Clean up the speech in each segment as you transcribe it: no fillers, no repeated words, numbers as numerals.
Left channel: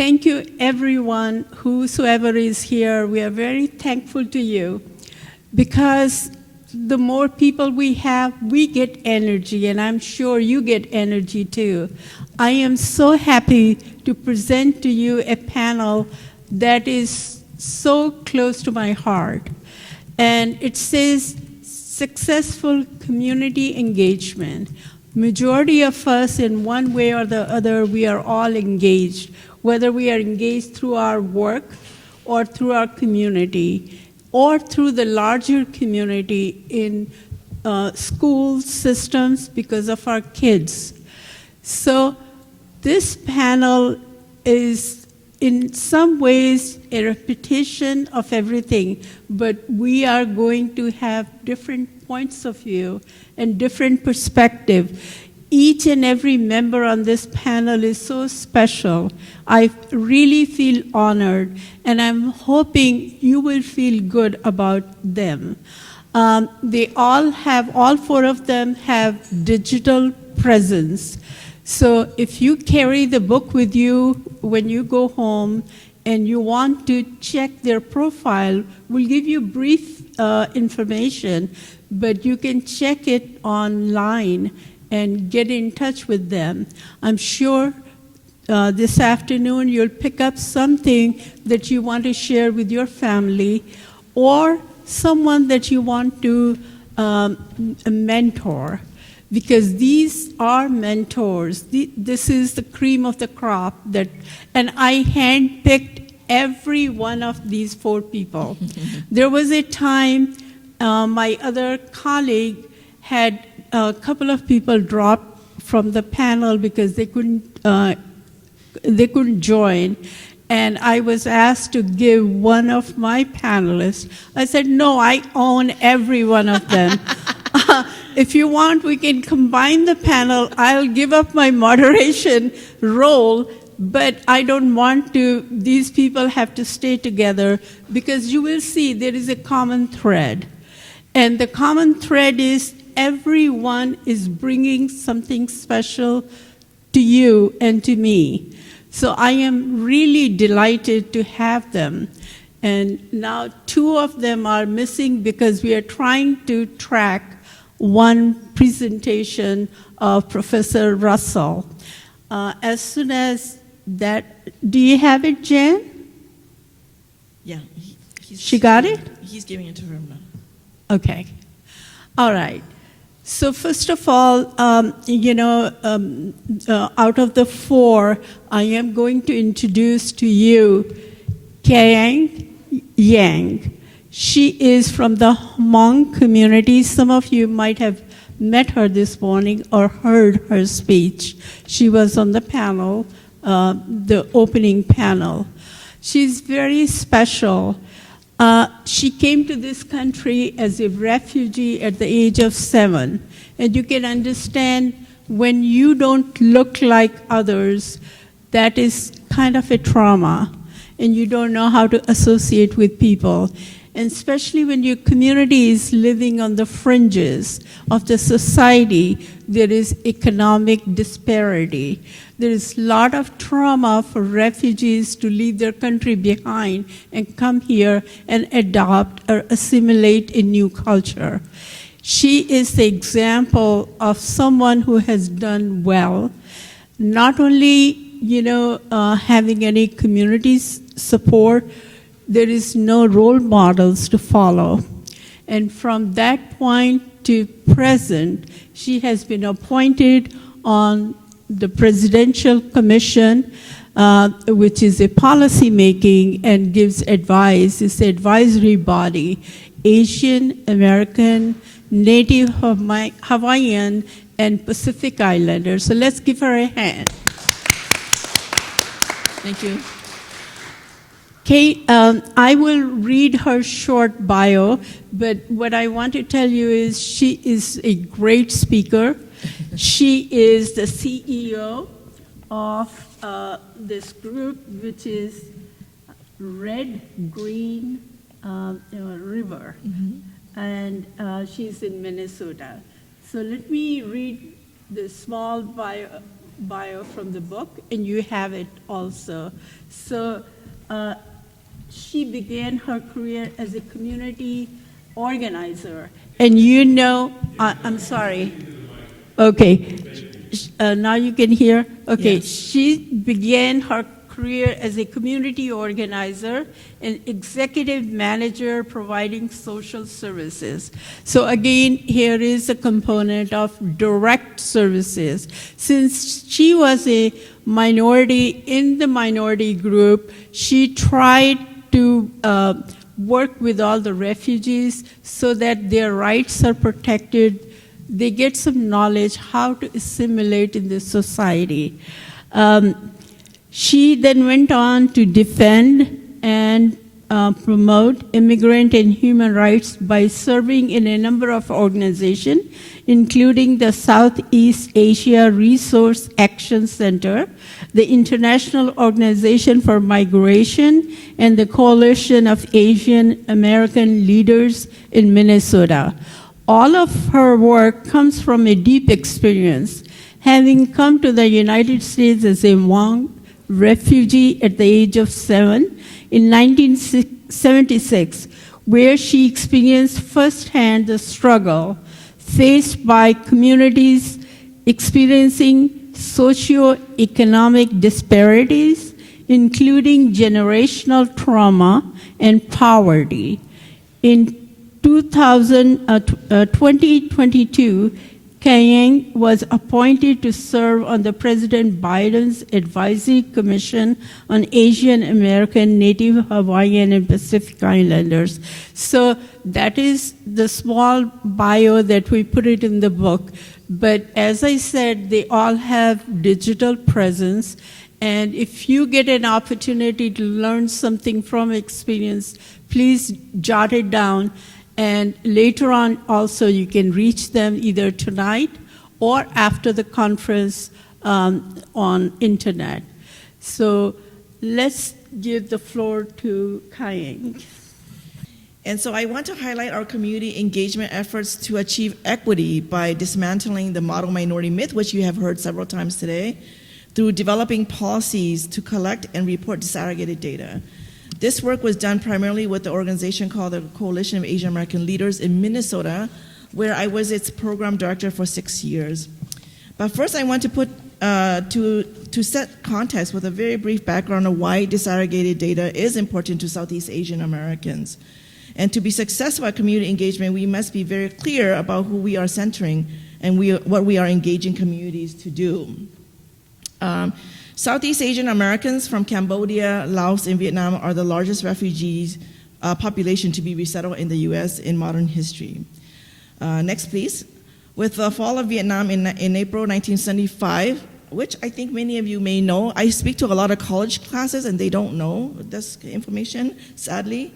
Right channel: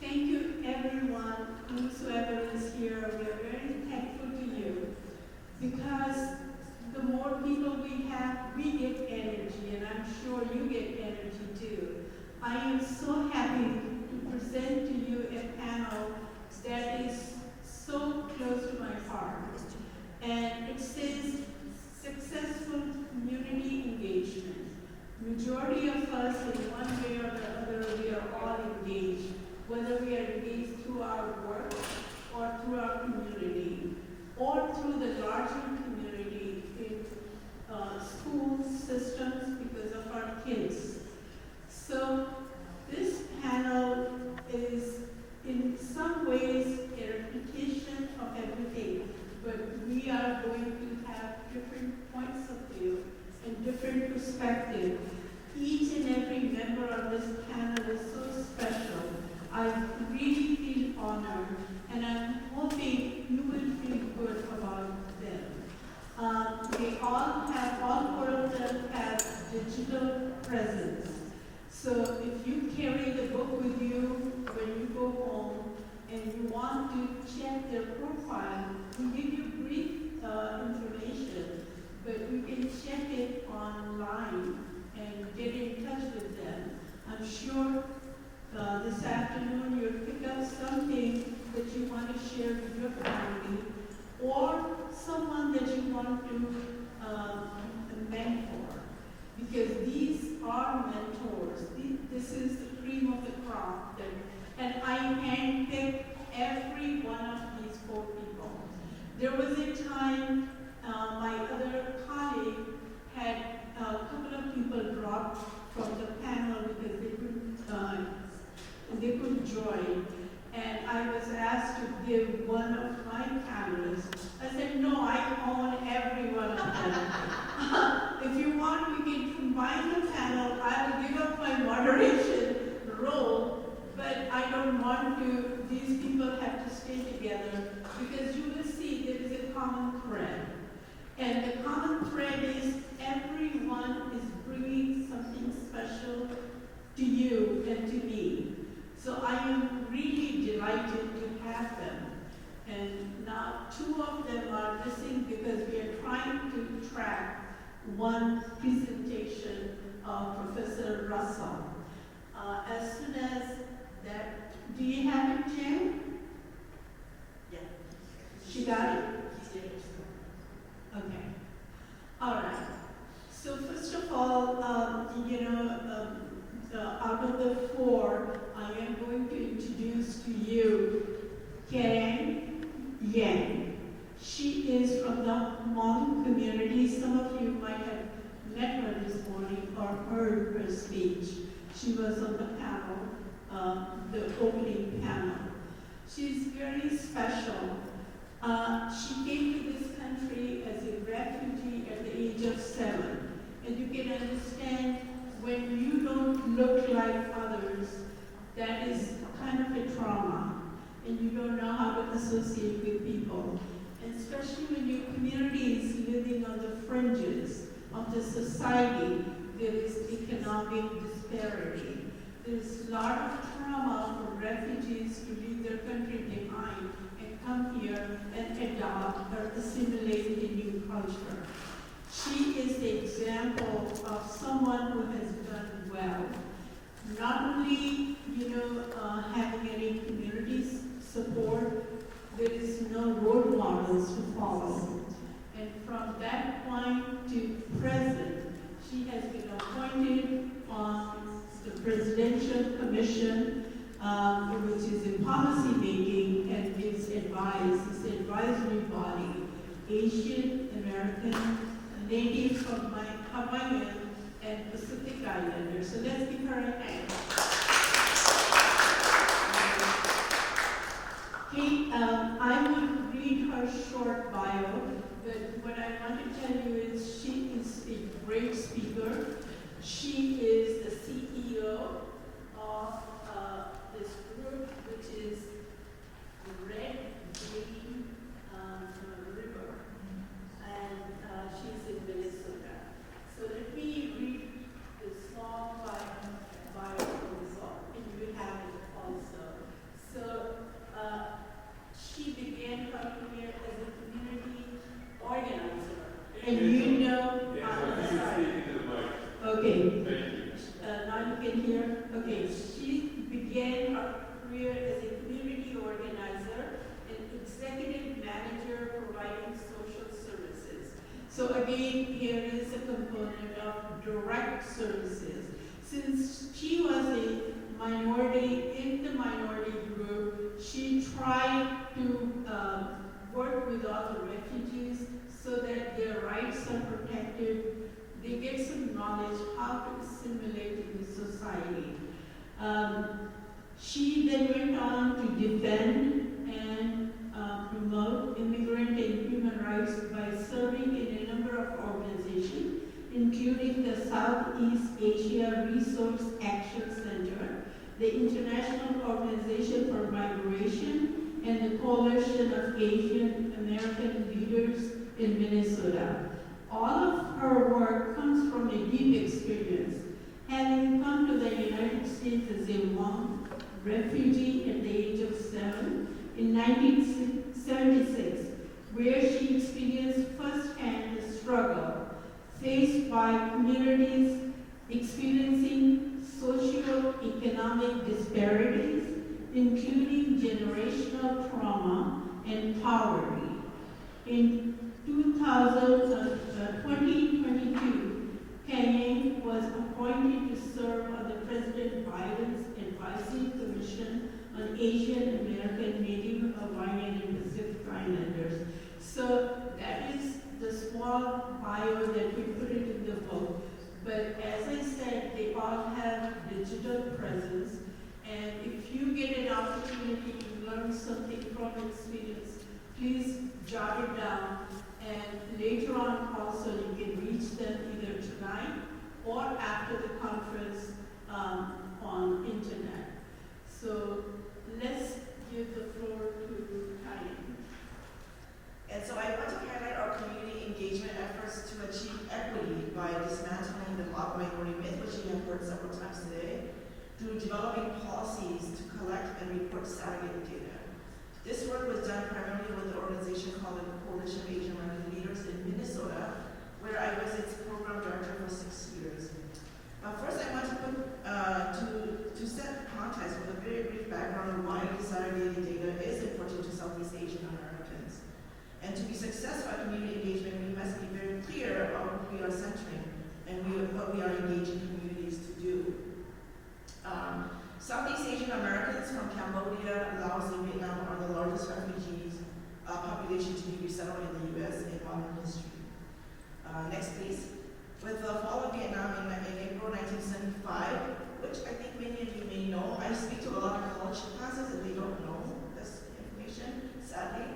Thank you, everyone, whosoever is here. We are very thankful to you because the more people we have, we get energy, and I'm sure you get energy too. I am so happy to present to you a panel that is so close to my heart. And it says successful community engagement. Majority of us, in one way or the other, we are all engaged, whether we are engaged through our work or through our community or through the larger community in school systems because of our kids. So this panel is in some ways a repetition of everything, but we are going to have different points of view and different perspective. Each and every member on this panel is so special. I really feel honored, and I'm hoping you will feel good about them. All four of them have digital presence. So if you carry the book with you when you go home and you want to check their profile, we'll give you brief information, but you can check it online and get in touch with them. I'm sure this afternoon you'll pick up something that you want to share with your family or someone that you want to mentor, because these are mentors. This is the cream of the crop, and I handpicked every one of these four people. There was a time my other colleague had a couple of people drop from the panel because they couldn't join, and I was asked to give one of my panelists. I said, no, I own every one of them. If you want, we can combine the panel. I'll give up my moderation role, but I don't want to. These people have to stay together because you will see there is a common thread. And the common thread is everyone is bringing something special to you and to me. So I am really delighted to have them. And now two of them are missing because we are trying to track one presentation of Professor Russell. As soon as that, do you have it, Jen? Yeah. She got it? He's giving it to her now. Okay. All right. So first of all, out of the four, I am going to introduce to you Kayang Yang. She is from the Hmong community. Some of you might have met her this morning or heard her speech. She was on the panel, the opening panel. She's very special. She came to this country as a refugee at the age of 7. And you can understand when you don't look like others, that is kind of a trauma. And you don't know how to associate with people. And especially when your community is living on the fringes of the society, there is economic disparity. There is a lot of trauma for refugees to leave their country behind and come here and adopt or assimilate a new culture. She is the example of someone who has done well, not only having any community support, there is no role models to follow. And from that point to present, she has been appointed on the Presidential Commission, which is a policy making and gives advice. It's an advisory body, Asian American, Native Hawaiian, and Pacific Islanders. So let's give her a hand. Thank you. Kate, I will read her short bio, but what I want to tell you is she is a great speaker. She is the CEO of this group, which is Red Green River, and she's in Minnesota. So let me read the small bio. bio from the book, and you have it also. So she began her career as a community organizer. And you know, I'm sorry. Okay. Now you can hear? Okay. Yes. She began her career as a community organizer and executive manager providing social services. So again, here is a component of direct services. Since she was a minority in the minority group, she tried to work with all the refugees so that their rights are protected. They get some knowledge how to assimilate in this society. She then went on to defend and promote immigrant and human rights by serving in a number of organizations, including the Southeast Asia Resource Action Center, the International Organization for Migration, and the Coalition of Asian American Leaders in Minnesota. All of her work comes from a deep experience, having come to the United States as a Hmong refugee at the age of 7 in 1976, where she experienced firsthand the struggle faced by communities experiencing socioeconomic disparities, including generational trauma and poverty. In 2022, Kayang was appointed to serve on the President Biden's Advisory Commission on Asian American, Native Hawaiian, and Pacific Islanders. So that is the small bio that we put it in the book. But as I said, they all have digital presence. And if you get an opportunity to learn something from experience, please jot it down. And later on, also, you can reach them either tonight or after the conference on internet. So let's give the floor to Kayang. And so I want to highlight our community engagement efforts to achieve equity by dismantling the model minority myth, which you have heard several times today, through developing policies to collect and report disaggregated data. This work was done primarily with the organization called the Coalition of Asian American Leaders in Minnesota, where I was its program director for 6 years. But first I want to put, to set context with a very brief background of why disaggregated data is important to Southeast Asian Americans. And to be successful at community engagement, we must be very clear about who we are centering and what we are engaging communities to do. Southeast Asian Americans from Cambodia, Laos, and Vietnam are the largest refugees population to be resettled in the U.S. in modern history. Next, please. With the fall of Vietnam in April 1975, which I think many of you may know, I speak to a lot of college classes and they don't know this information, sadly.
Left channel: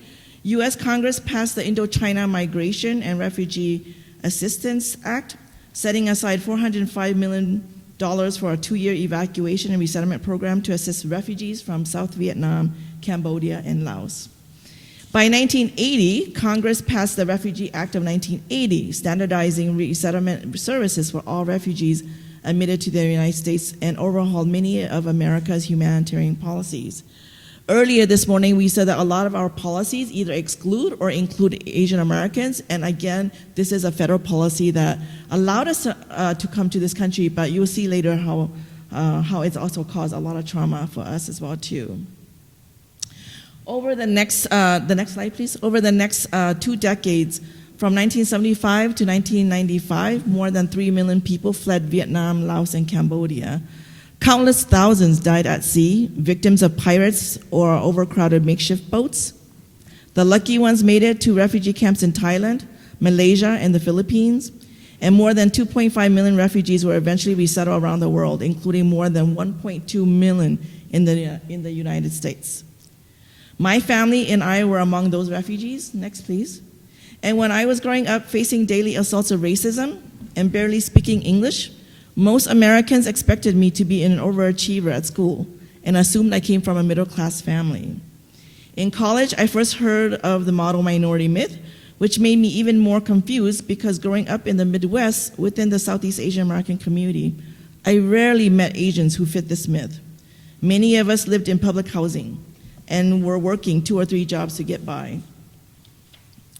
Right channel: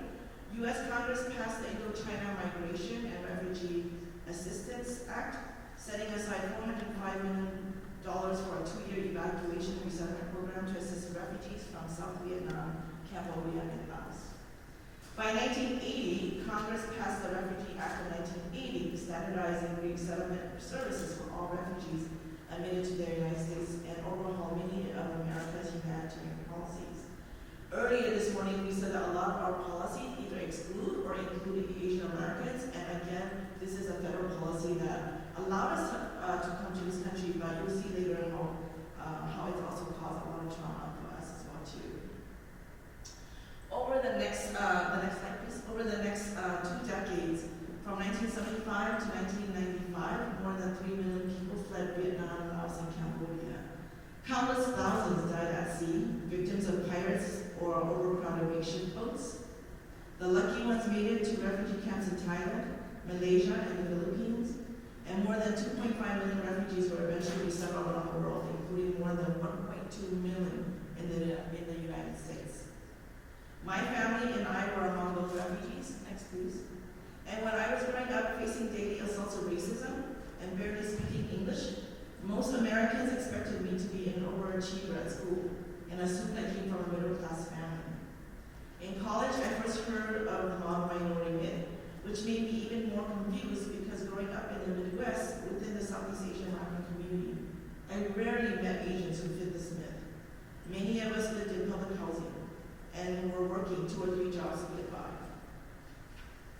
U.S. Congress passed the Indochina Migration and Refugee Assistance Act, setting aside $405 million for a 2-year evacuation and resettlement program to assist refugees from South Vietnam, Cambodia, and Laos. By 1980, Congress passed the Refugee Act of 1980, standardizing resettlement services for all refugees admitted to the United States and overhauled many of America's humanitarian policies. Earlier this morning, we said that a lot of our policies either exclude or include Asian Americans, and again, this is a federal policy that allowed us to come to this country, but you'll see later how it's also caused a lot of trauma for us as well too. Over the next slide, please. Over the next 2 decades, from 1975 to 1995, more than 3 million people fled Vietnam, Laos, and Cambodia. Countless thousands died at sea, victims of pirates or overcrowded makeshift boats. The lucky ones made it to refugee camps in Thailand, Malaysia, and the Philippines, and more than 2.5 million refugees were eventually resettled around the world, including more than 1.2 million in the United States. My family and I were among those refugees. Next, please. And when I was growing up facing daily assaults of racism and barely speaking English, most Americans expected me to be an overachiever at school and assumed I came from a middle-class family. In college, I first heard of the model minority myth, which made me even more confused because growing up in the Midwest within the Southeast Asian American community, I rarely met Asians who fit this myth. Many of us lived in public housing and were working 2 or 3 jobs to get by.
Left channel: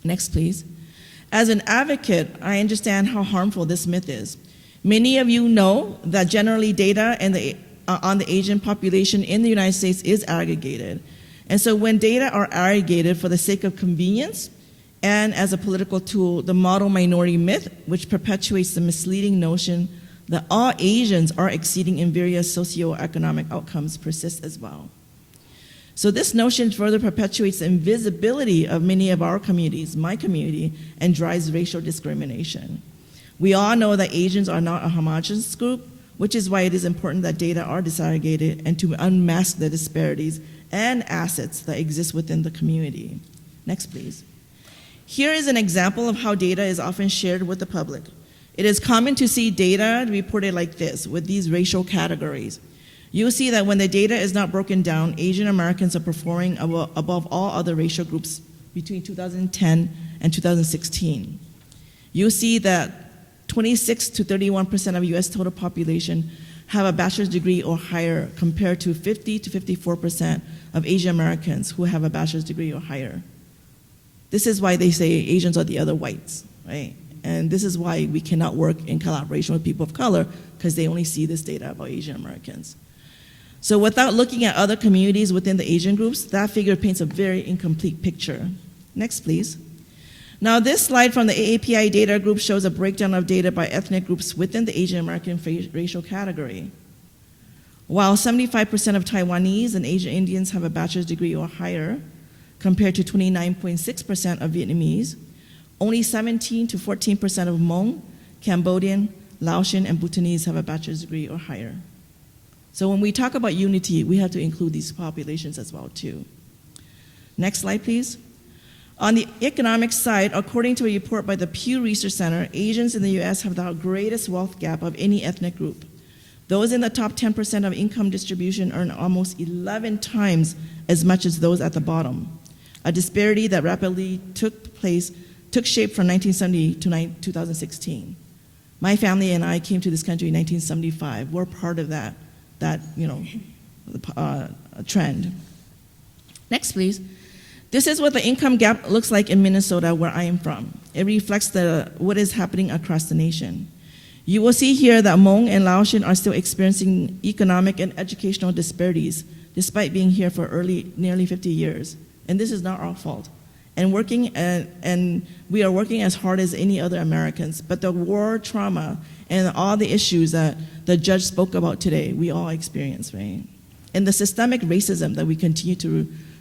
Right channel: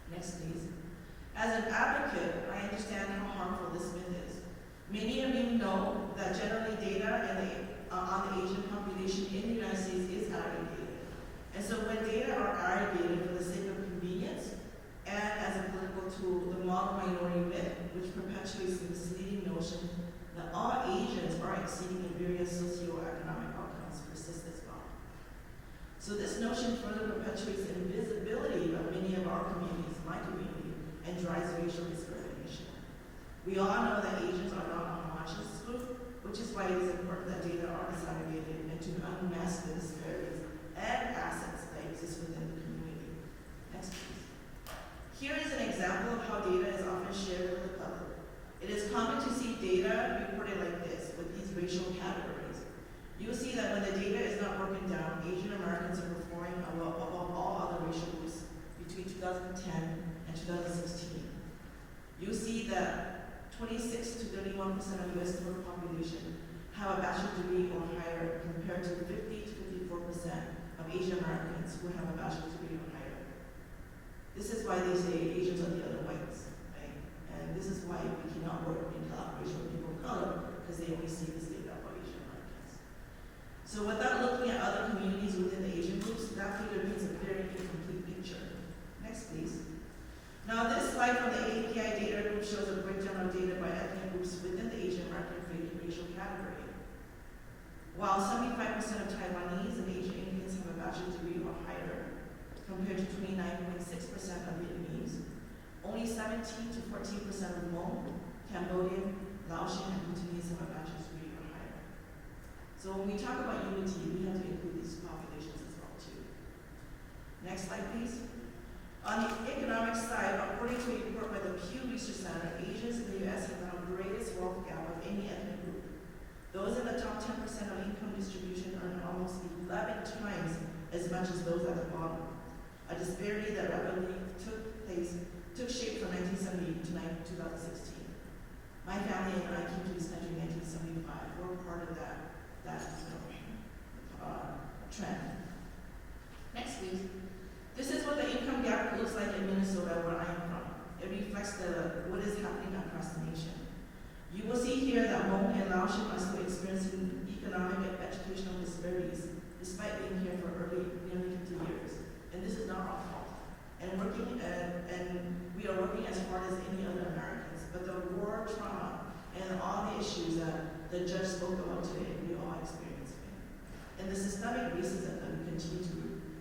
Next, please. As an advocate, I understand how harmful this myth is. Many of you know that generally data on the Asian population in the United States is aggregated. And so when data are aggregated for the sake of convenience and as a political tool, the model minority myth, which perpetuates the misleading notion that all Asians are exceeding in various socioeconomic outcomes, persists as well. So this notion further perpetuates the invisibility of many of our communities, my community, and drives racial discrimination. We all know that Asians are not a homogeneous group, which is why it is important that data are disaggregated and to unmask the disparities and assets that exist within the community. Next, please. Here is an example of how data is often shared with the public. It is common to see data reported like this, with these racial categories. You'll see that when the data is not broken down, Asian Americans are performing above all other racial groups between 2010 and 2016. You'll see that 26 to 31% of US total population have a bachelor's degree or higher, compared to 50 to 54% of Asian Americans who have a bachelor's degree or higher. This is why they say Asians are the other whites, right? And this is why we cannot work in collaboration with people of color, because they only see this data about Asian Americans. So without looking at other communities within the Asian groups, that figure paints a very incomplete picture. Next, please. Now this slide from the AAPI data group shows a breakdown of data by ethnic groups within the Asian American racial category. While 75% of Taiwanese and Asian Indians have a bachelor's degree or higher, compared to 29.6% of Vietnamese, only 17 to 14% of Hmong, Cambodian, Laotian, and Bhutanese have a bachelor's degree or higher. So when we talk about unity, we have to include these populations as well too. Next slide, please. On the economic side, according to a report by the Pew Research Center, Asians in the US have the greatest wealth gap of any ethnic group. Those in the top 10% of income distribution earn almost 11 times as much as those at the bottom, a disparity that rapidly took shape from 1970 to 2016. My family and I came to this country in 1975. We're part of that trend. Next, please. This is what the income gap looks like in Minnesota, where I am from. It reflects what is happening across the nation. You will see here that Hmong and Laotian are still experiencing economic and educational disparities, despite being here for nearly 50 years. And this is not our fault. And we are working as hard as any other Americans, but the war trauma and all the issues that the judge spoke about today, we all experience, right? And the systemic racism that we continue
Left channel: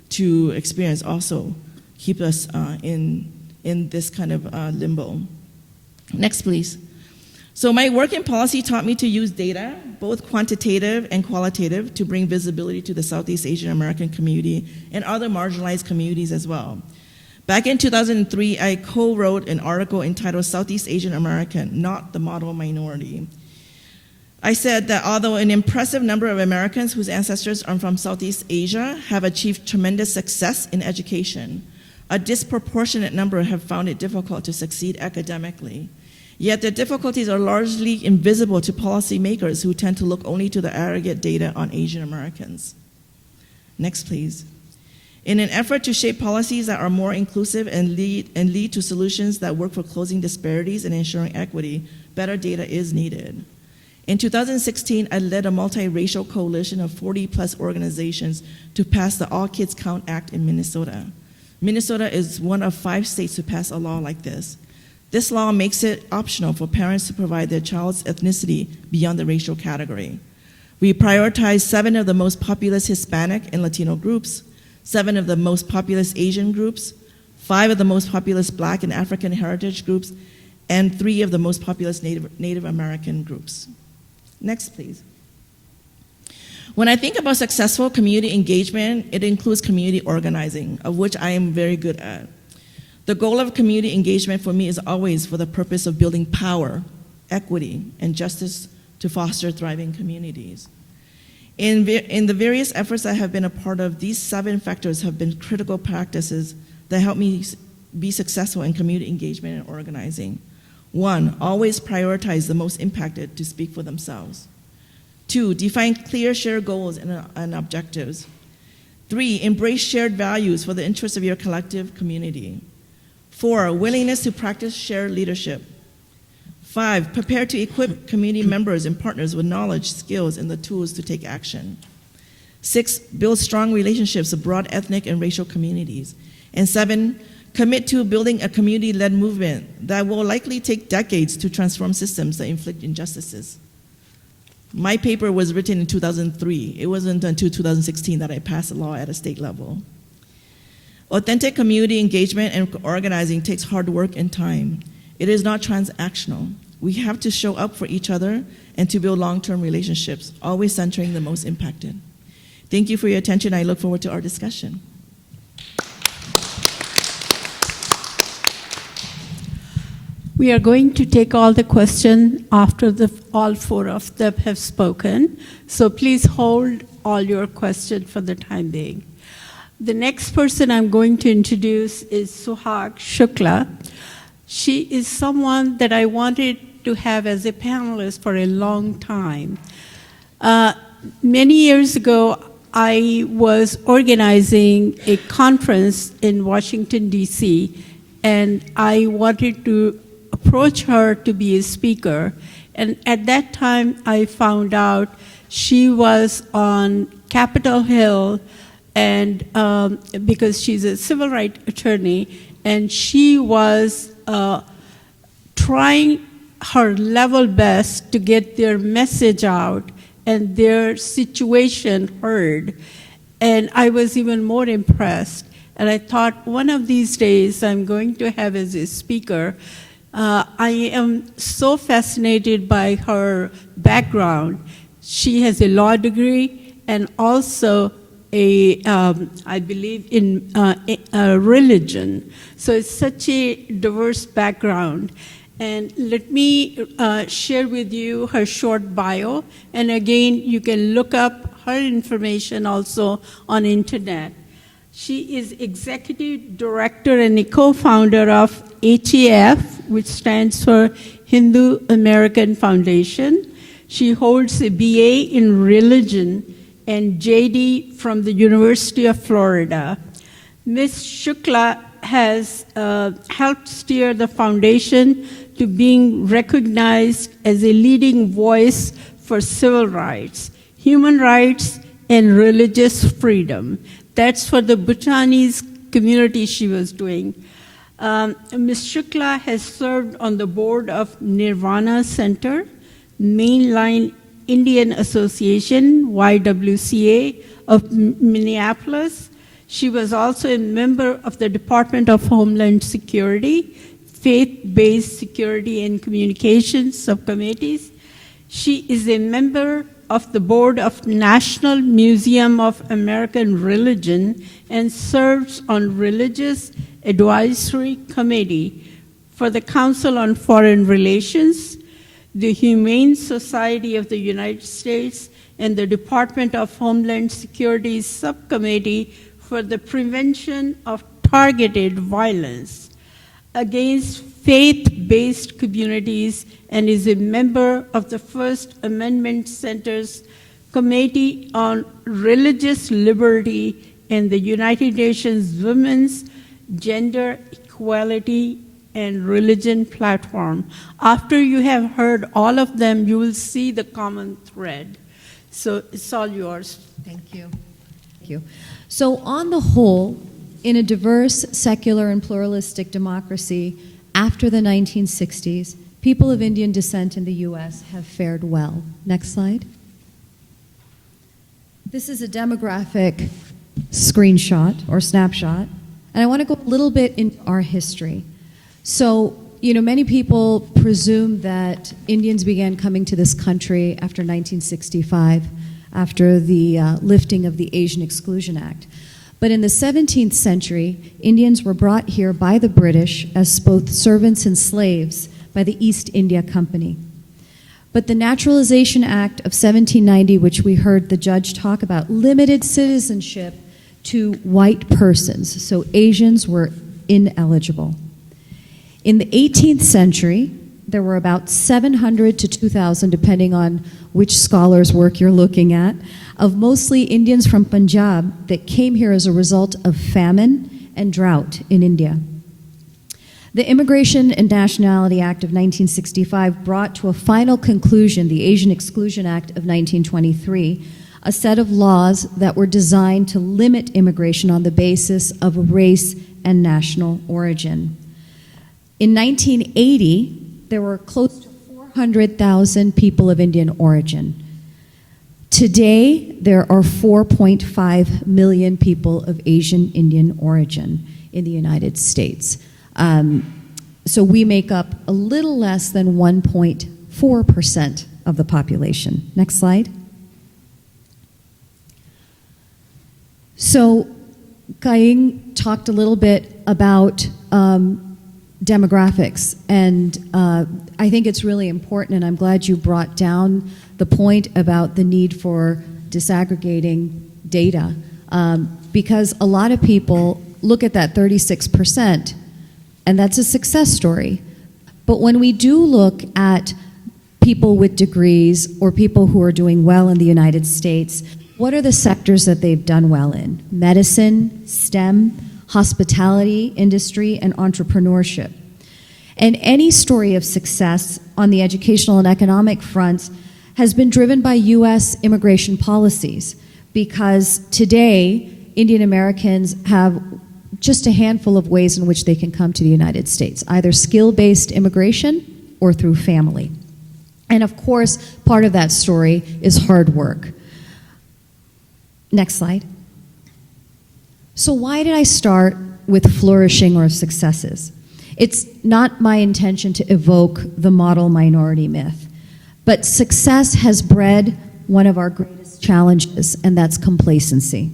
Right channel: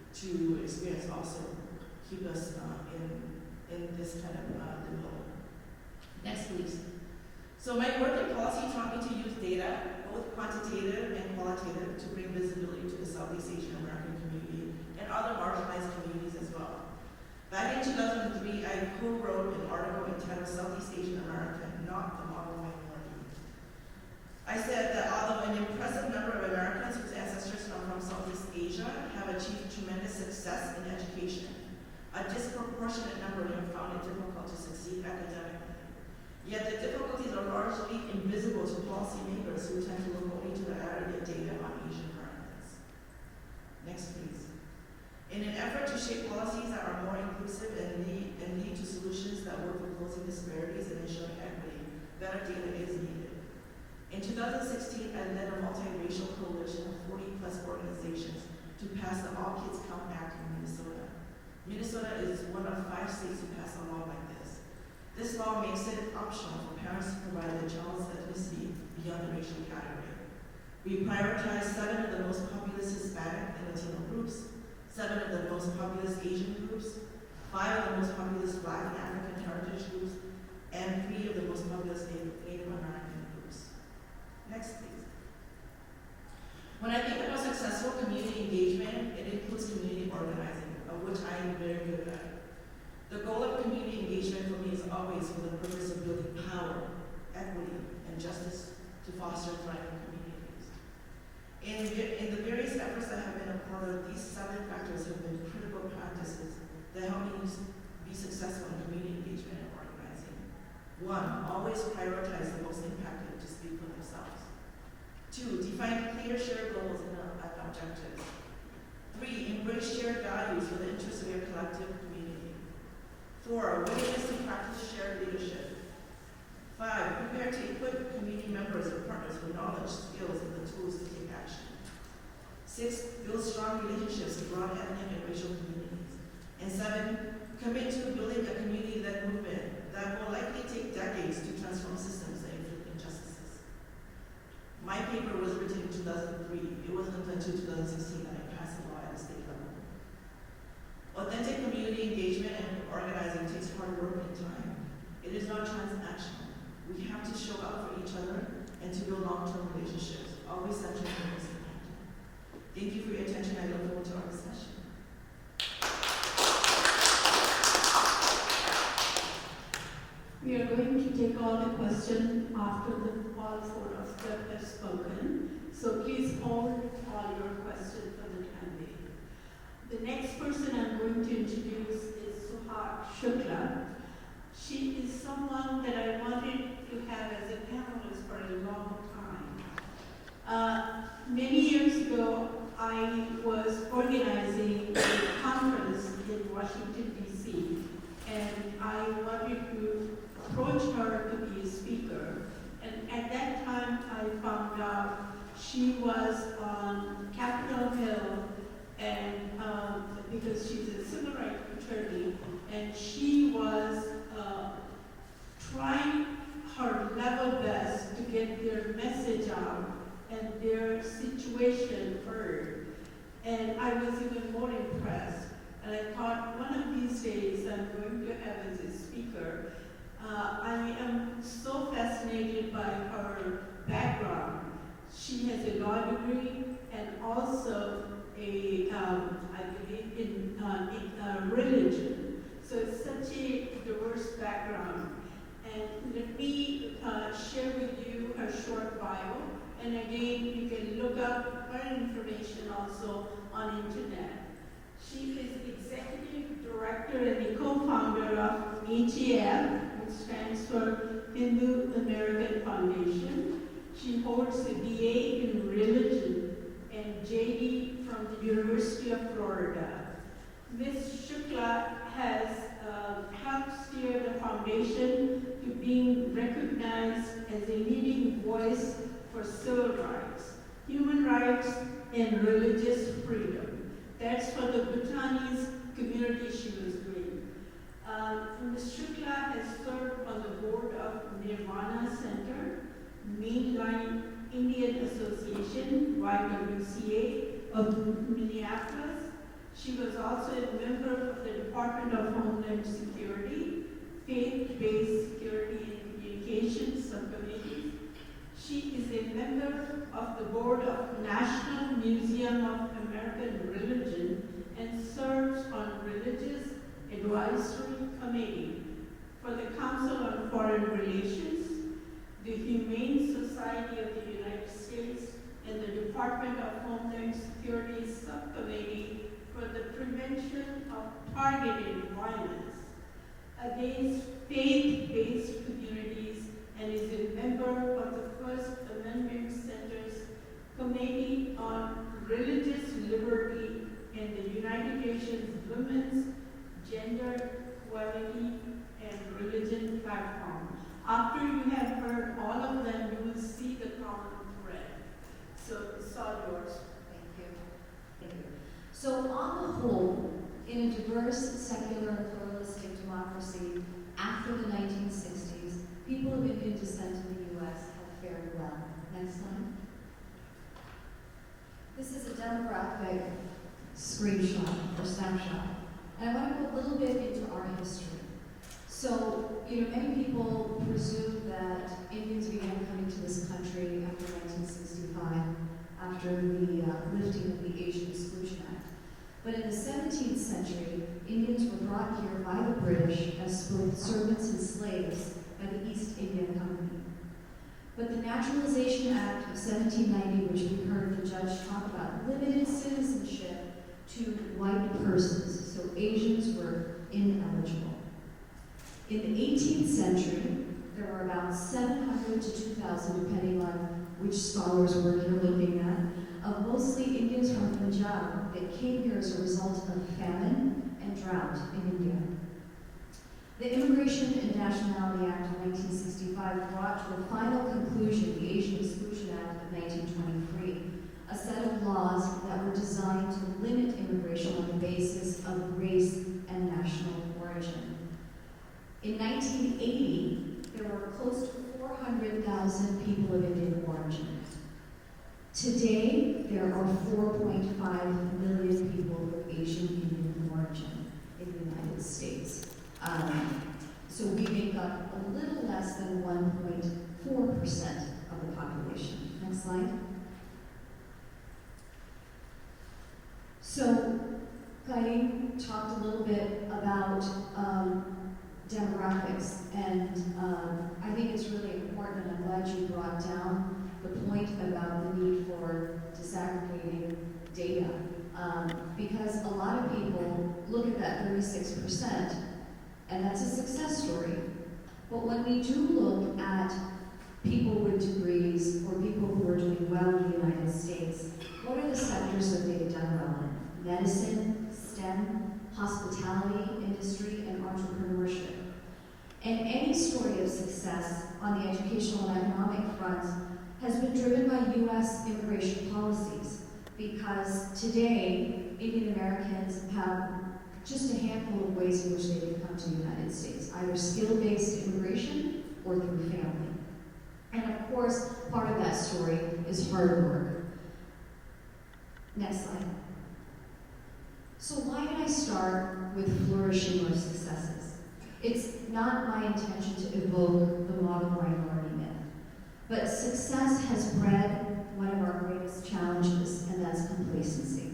to experience also keep us in this kind of limbo. Next, please. So my work in policy taught me to use data, both quantitative and qualitative, to bring visibility to the Southeast Asian American community and other marginalized communities as well. Back in 2003, I co-wrote an article entitled Southeast Asian American, Not the Model Minority. I said that although an impressive number of Americans whose ancestors are from Southeast Asia have achieved tremendous success in education, a disproportionate number have found it difficult to succeed academically. Yet the difficulties are largely invisible to policymakers who tend to look only to the aggregate data on Asian Americans. Next, please. In an effort to shape policies that are more inclusive and lead to solutions that work for closing disparities and ensuring equity, better data is needed. In 2016, I led a multiracial coalition of 40+ organizations to pass the All Kids Count Act in Minnesota. Minnesota is one of 5 states to pass a law like this. This law makes it optional for parents to provide their child's ethnicity beyond the racial category. We prioritize 7 of the most populous Hispanic and Latino groups, 7 of the most populous Asian groups, 5 of the most populous Black and African heritage groups, and 3 of the most populous Native American groups. Next, please. When I think about successful community engagement, it includes community organizing, of which I am very good at. The goal of community engagement for me is always for the purpose of building power, equity, and justice to foster thriving communities. In the various efforts I have been a part of, these 7 factors have been critical practices that help me be successful in community engagement and organizing. 1, always prioritize the most impacted to speak for themselves. 2, define clear shared goals and objectives. 3, embrace shared values for the interests of your collective community. 4, willingness to practice shared leadership. 5, prepare to equip community members and partners with knowledge, skills, and the tools to take action. 6, build strong relationships with broad ethnic and racial communities. And 7, commit to building a community-led movement that will likely take decades to transform systems that inflict injustices. My paper was written in 2003. It wasn't until 2016 that I passed a law at a state level. Authentic community engagement and organizing takes hard work and time. It is not transactional. We have to show up for each other and to build long-term relationships, always centering the most impacted. Thank you for your attention. I look forward to our discussion. We are going to take all the questions after all four of them have spoken. So please hold all your questions for the time being. The next person I'm going to introduce is Suhag Shukla. She is someone that I wanted to have as a panelist for a long time. Many years ago, I was organizing a conference in Washington, D.C., and I wanted to approach her to be a speaker. And at that time, I found out she was on Capitol Hill, and because she's a civil rights attorney, and she was trying her level best to get their message out and their situation heard. And I was even more impressed. And I thought, one of these days, I'm going to have as a speaker. I am so fascinated by her background. She has a law degree and also I believe in religion. So it's such a diverse background. And let me share with you her short bio. And again, you can look up her information also on internet. She is executive director and a co-founder of HAF, which stands for Hindu American Foundation. She holds a BA in religion and JD from the University of Florida. Ms. Shukla has helped steer the foundation to being recognized as a leading voice for civil rights, human rights, and religious freedom. That's for the Bhutanese community she was doing. Ms. Shukla has served on the board of Nirvana Center, Mainline Indian Association, YWCA, of Minneapolis. She was also a member of the Department of Homeland Security, Faith-Based Security and Communications Subcommittees. She is a member of the board of National Museum of American Religion and serves on Religious Advisory Committee for the Council on Foreign Relations, the Humane Society of the United States, and the Department of Homeland Security's Subcommittee for the Prevention of Targeted Violence against faith-based communities, and is a member of the First Amendment Center's Committee on Religious Liberty and the United Nations Women's Gender Equality and Religion Platform. After you have heard all of them, you will see the common thread. So it's all yours. Thank you. Thank you. So on the whole, in a diverse, secular, and pluralistic democracy after the 1960s, people of Indian descent in the U.S. have fared well. Next slide. This is a demographic screenshot or snapshot, and I want to go a little bit in our history. So, many people presume that Indians began coming to this country after 1965, after the lifting of the Asian Exclusion Act. But in the 17th century, Indians were brought here by the British as both servants and slaves by the East India Company. But the Naturalization Act of 1790, which we heard the judge talk about, limited citizenship to white persons, so Asians were ineligible. In the 18th century, there were about 700 to 2,000, depending on which scholar's work you're looking at, of mostly Indians from Punjab that came here as a result of famine and drought in India. The Immigration and Nationality Act of 1965 brought to a final conclusion the Asian Exclusion Act of 1923, a set of laws that were designed to limit immigration on the basis of race and national origin. In 1980, there were close to 400,000 people of Indian origin. Today, there are 4.5 million people of Asian Indian origin in the United States. So we make up a little less than 1.4% of the population. Next slide. So Kaing talked a little bit about demographics, and I think it's really important, and I'm glad you brought down the point about the need for disaggregating data, because a lot of people look at that 36%, and that's a success story. But when we do look at people with degrees or people who are doing well in the United States, what are the sectors that they've done well in? Medicine, STEM, hospitality, industry, and entrepreneurship. And any story of success on the educational and economic fronts has been driven by U.S. immigration policies, because today, Indian Americans have just a handful of ways in which they can come to the United States, either skill-based immigration or through family. And of course, part of that story is hard work. Next slide. So why did I start with flourishing or successes? It's not my intention to evoke the model minority myth, but success has bred one of our greatest challenges, and that's complacency.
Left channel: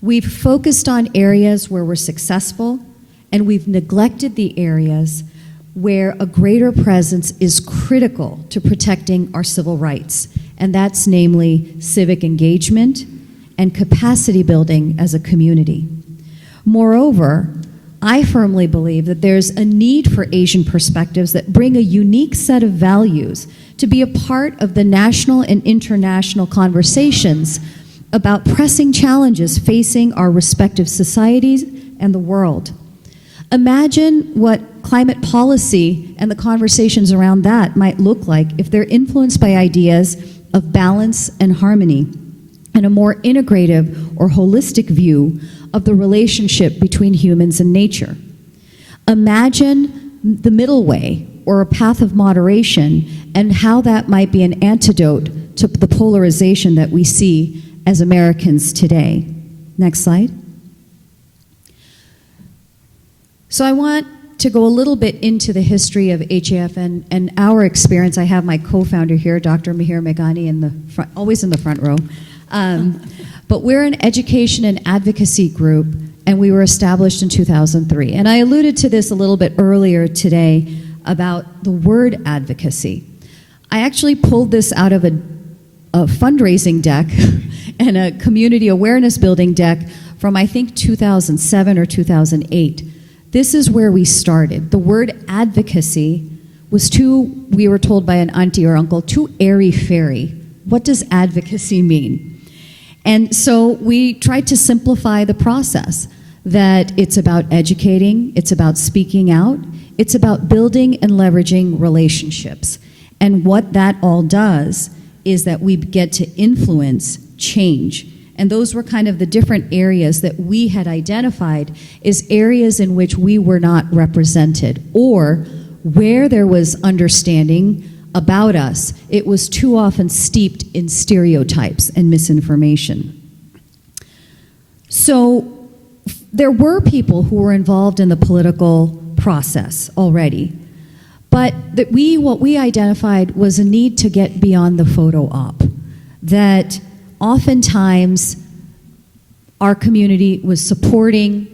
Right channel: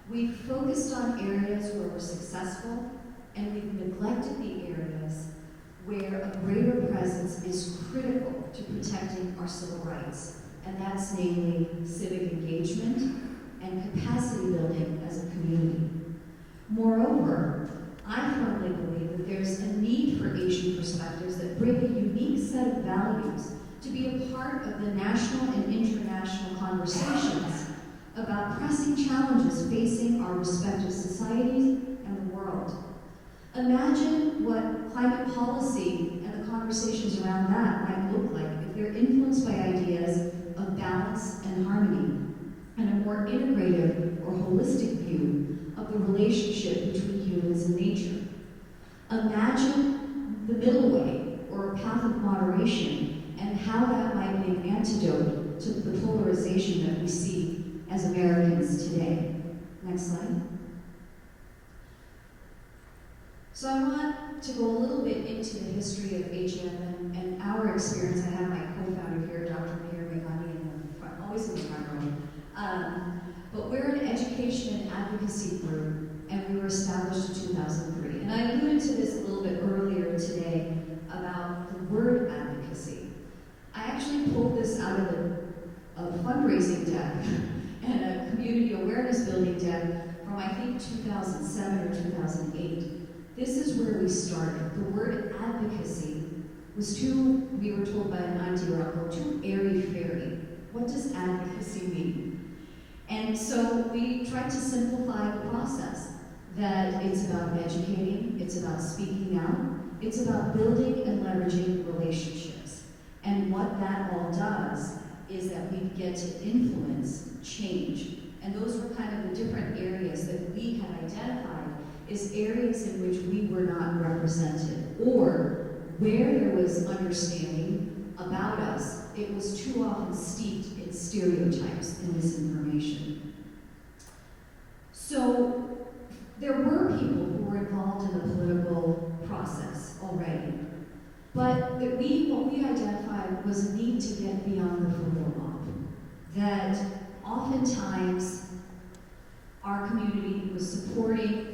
We've focused on areas where we're successful, and we've neglected the areas where a greater presence is critical to protecting our civil rights, and that's namely civic engagement and capacity building as a community. Moreover, I firmly believe that there's a need for Asian perspectives that bring a unique set of values to be a part of the national and international conversations about pressing challenges facing our respective societies and the world. Imagine what climate policy and the conversations around that might look like if they're influenced by ideas of balance and harmony and a more integrative or holistic view of the relationship between humans and nature. Imagine the middle way or a path of moderation and how that might be an antidote to the polarization that we see as Americans today. Next slide. So I want to go a little bit into the history of HAF and our experience. I have my co-founder here, Dr. Mihir Meghani, in the front, always in the front row. But we're an education and advocacy group, and we were established in 2003. And I alluded to this a little bit earlier today about the word advocacy. I actually pulled this out of a fundraising deck and a community awareness building deck from, I think, 2007 or 2008. This is where we started. The word advocacy was too, we were told by an auntie or uncle, too airy-fairy. What does advocacy mean? And so we tried to simplify the process, that it's about educating, it's about speaking out, it's about building and leveraging relationships. And what that all does is that we get to influence change. And those were kind of the different areas that we had identified as areas in which we were not represented, or where there was understanding about us, it was too often steeped in stereotypes and misinformation. So there were people who were involved in the political process already, but what we identified was a need to get beyond the photo op, that oftentimes our community was supporting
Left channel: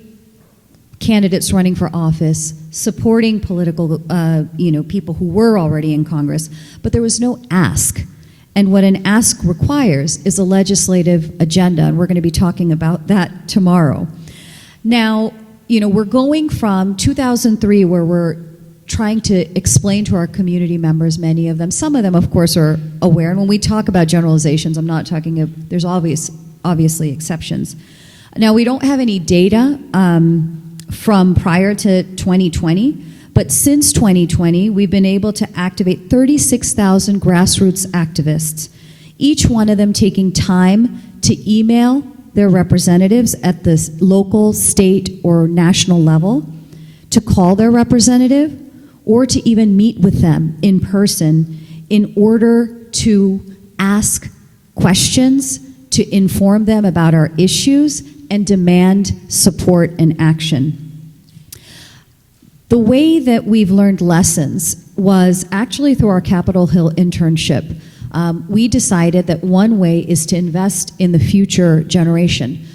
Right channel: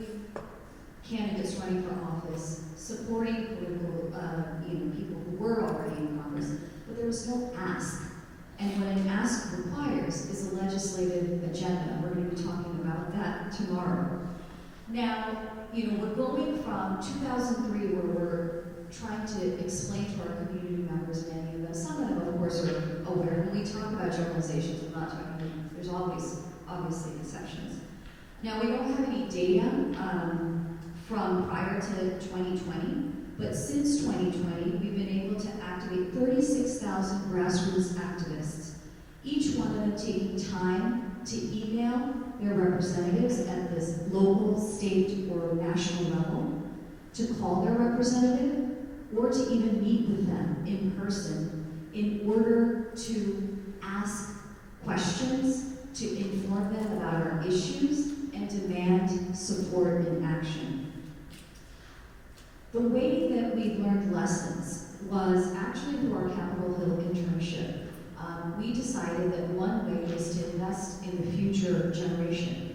candidates running for office, supporting political, people who were already in Congress, but there was no ask. And what an ask requires is a legislative agenda, and we're going to be talking about that tomorrow. Now, we're going from 2003, where we're trying to explain to our community members, many of them, some of them, of course, are aware. And when we talk about generalizations, I'm not talking of, there's obviously exceptions. Now, we don't have any data from prior to 2020, but since 2020, we've been able to activate 36,000 grassroots activists, each one of them taking time to email their representatives at the local, state, or national level, to call their representative, or to even meet with them in person in order to ask questions, to inform them about our issues, and demand support and action. The way that we've learned lessons was actually through our Capitol Hill internship. We decided that one way is to invest in the future generation.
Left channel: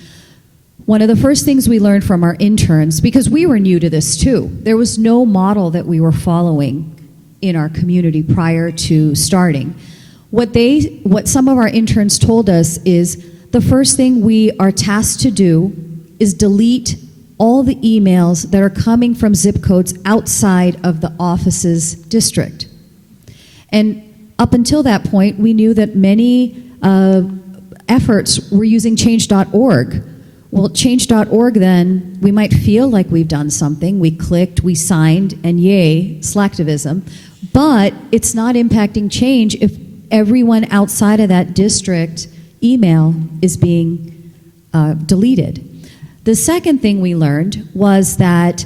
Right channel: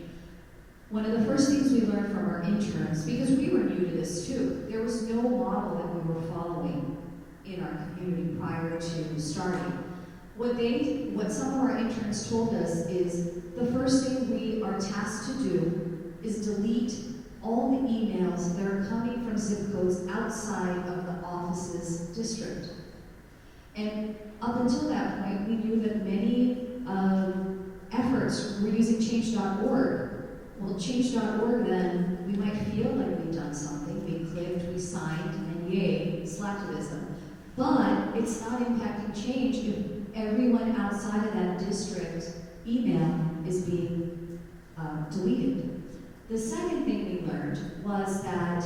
One of the first things we learned from our interns, because we were new to this too, there was no model that we were following in our community prior to starting. What some of our interns told us is the first thing we are tasked to do is delete all the emails that are coming from zip codes outside of the office's district. And up until that point, we knew that many efforts were using change.org. Well, change.org then, we might feel like we've done something. We clicked, we signed, and yay, slacktivism. But it's not impacting change if everyone outside of that district email is being deleted. The second thing we learned was that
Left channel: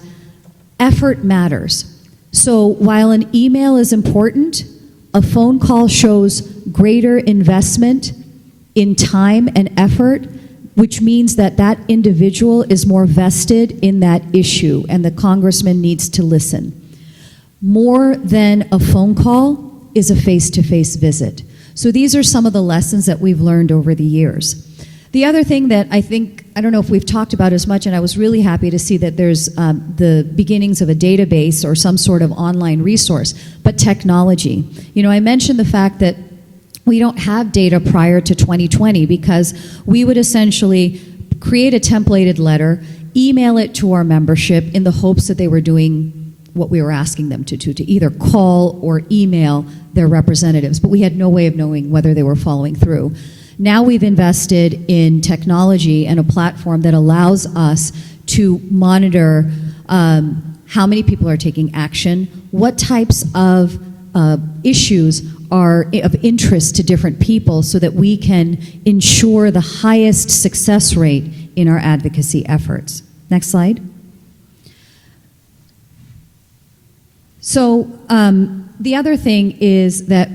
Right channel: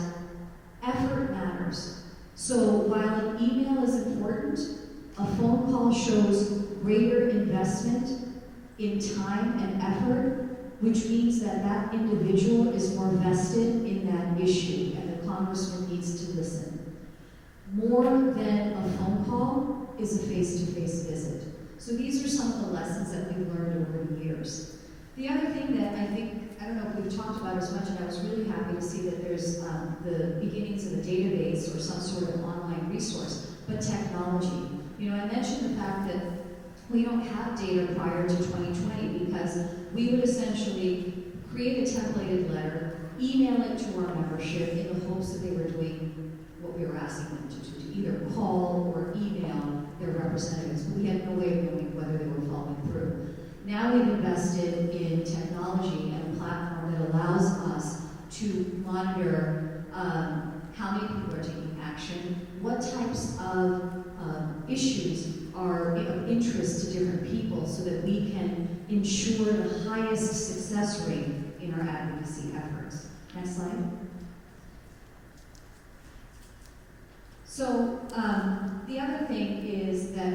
effort matters. So while an email is important, a phone call shows greater investment in time and effort, which means that that individual is more vested in that issue, and the congressman needs to listen. More than a phone call is a face-to-face visit. So these are some of the lessons that we've learned over the years. The other thing that I don't know if we've talked about as much, and I was really happy to see that there's the beginnings of a database or some sort of online resource, but technology. You know, I mentioned the fact that we don't have data prior to 2020 because we would essentially create a templated letter, email it to our membership in the hopes that they were doing what we were asking them to do, to either call or email their representatives, but we had no way of knowing whether they were following through. Now we've invested in technology and a platform that allows us to monitor how many people are taking action, what types of issues are of interest to different people so that we can ensure the highest success rate in our advocacy efforts. Next slide. So the other thing is that,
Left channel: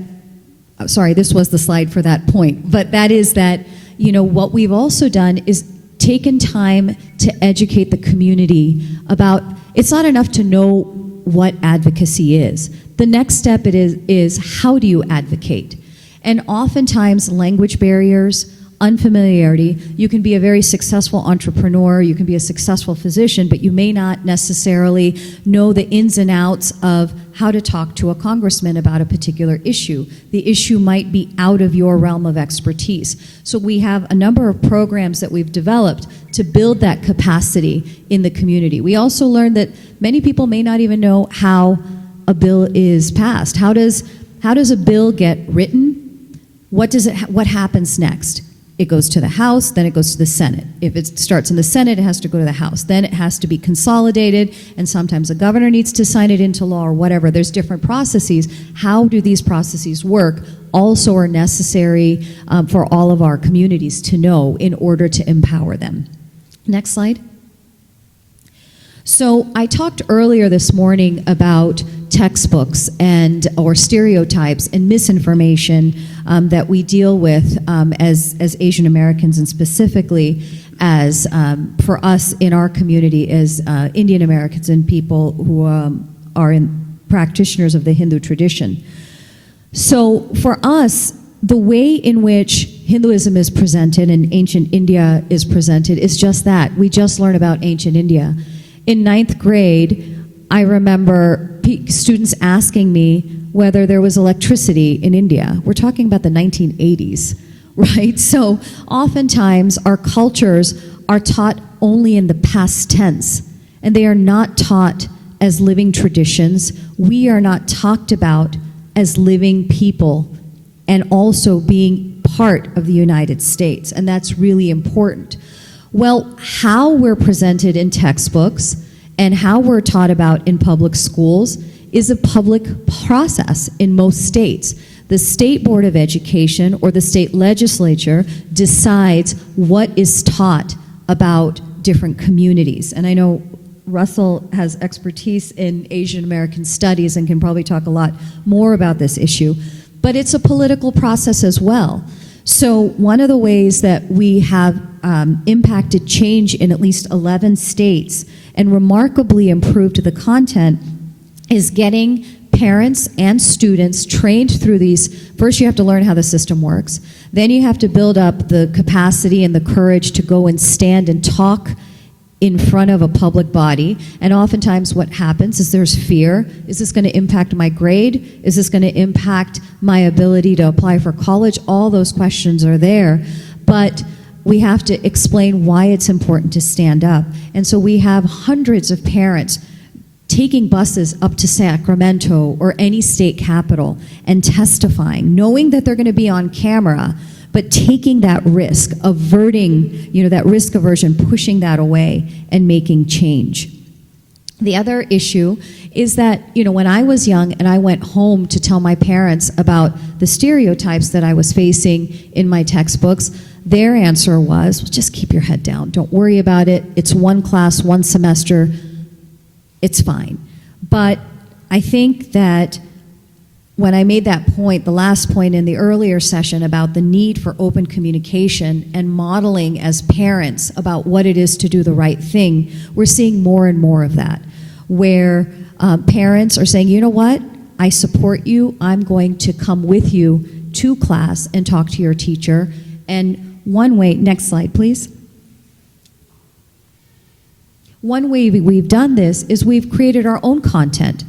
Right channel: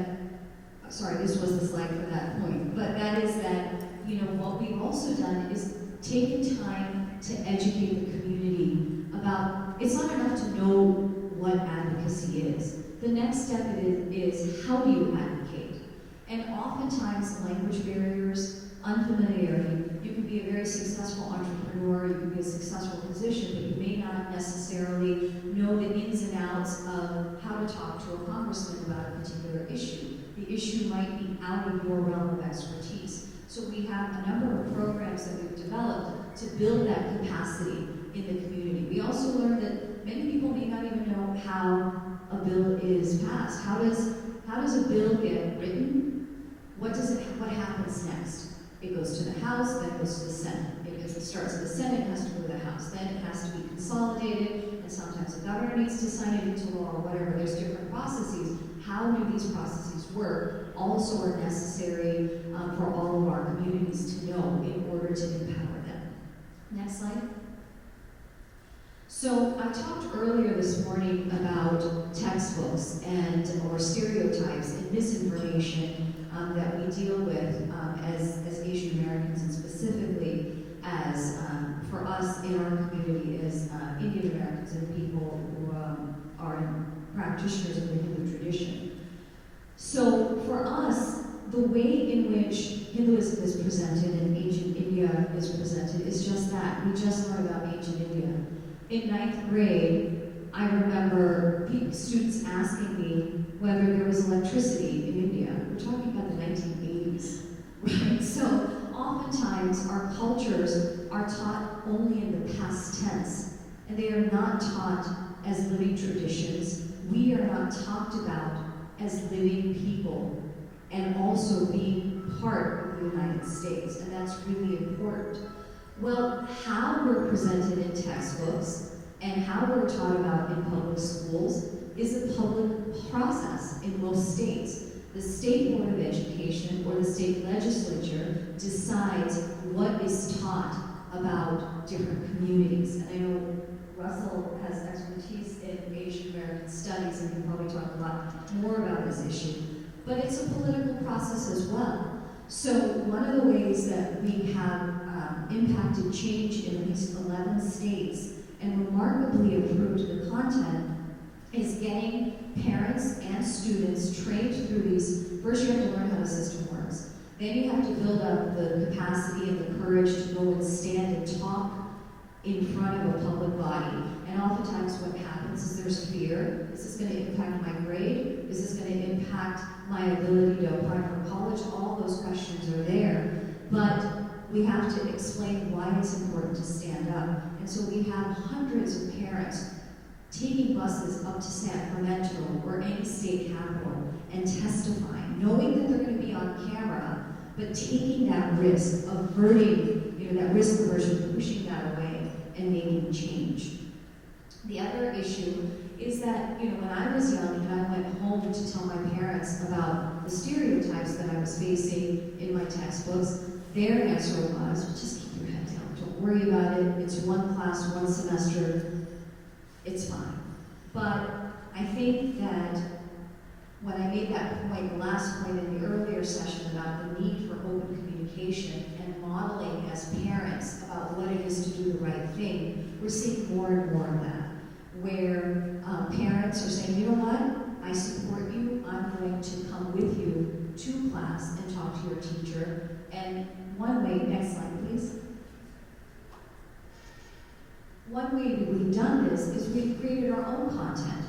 sorry, this was the slide for that point, but that is that, you know, what we've also done is taken time to educate the community about, it's not enough to know what advocacy is. The next step is how do you advocate? And oftentimes language barriers, unfamiliarity, you can be a very successful entrepreneur, you can be a successful physician, but you may not necessarily know the ins and outs of how to talk to a congressman about a particular issue. The issue might be out of your realm of expertise. So we have a number of programs that we've developed to build that capacity in the community. We also learned that many people may not even know how a bill is passed. How does a bill get written? What happens next? It goes to the House, then it goes to the Senate. If it starts in the Senate, it has to go to the House. Then it has to be consolidated, and sometimes the governor needs to sign it into law or whatever. There's different processes. How do these processes work also are necessary for all of our communities to know in order to empower them. Next slide. So I talked earlier this morning about textbooks or stereotypes and misinformation that we deal with as Asian Americans, and specifically as for us in our community as Indian Americans and people who are practitioners of the Hindu tradition. So for us, the way in which Hinduism is presented and ancient India is presented is just that. We just learned about ancient India. In 9th grade, I remember students asking me whether there was electricity in India. We're talking about the 1980s, right? So oftentimes our cultures are taught only in the past tense, and they are not taught as living traditions. We are not talked about as living people and also being part of the United States, and that's really important. Well, how we're presented in textbooks and how we're taught about in public schools is a public process in most states. The State Board of Education or the state legislature decides what is taught about different communities. And I know Russell has expertise in Asian American studies and can probably talk a lot more about this issue, but it's a political process as well. So one of the ways that we have impacted change in at least 11 states and remarkably improved the content is getting parents and students trained through these. First, you have to learn how the system works. Then you have to build up the capacity and the courage to go and stand and talk in front of a public body. And oftentimes what happens is there's fear. Is this going to impact my grade? Is this going to impact my ability to apply for college? All those questions are there. But we have to explain why it's important to stand up. And so we have hundreds of parents taking buses up to Sacramento or any state capital and testifying, knowing that they're going to be on camera, but taking that risk, averting, that risk aversion, pushing that away and making change. The other issue is that, when I was young and I went home to tell my parents about the stereotypes that I was facing in my textbooks, their answer was, just keep your head down. Don't worry about it. It's one class, one semester. It's fine. But I think that when I made that point, the last point in the earlier session about the need for open communication and modeling as parents about what it is to do the right thing, we're seeing more and more of that, where parents are saying, you know what, I support you, I'm going to come with you to class and talk to your teacher. And one way, next slide please. One way we've done this is we've created our own content.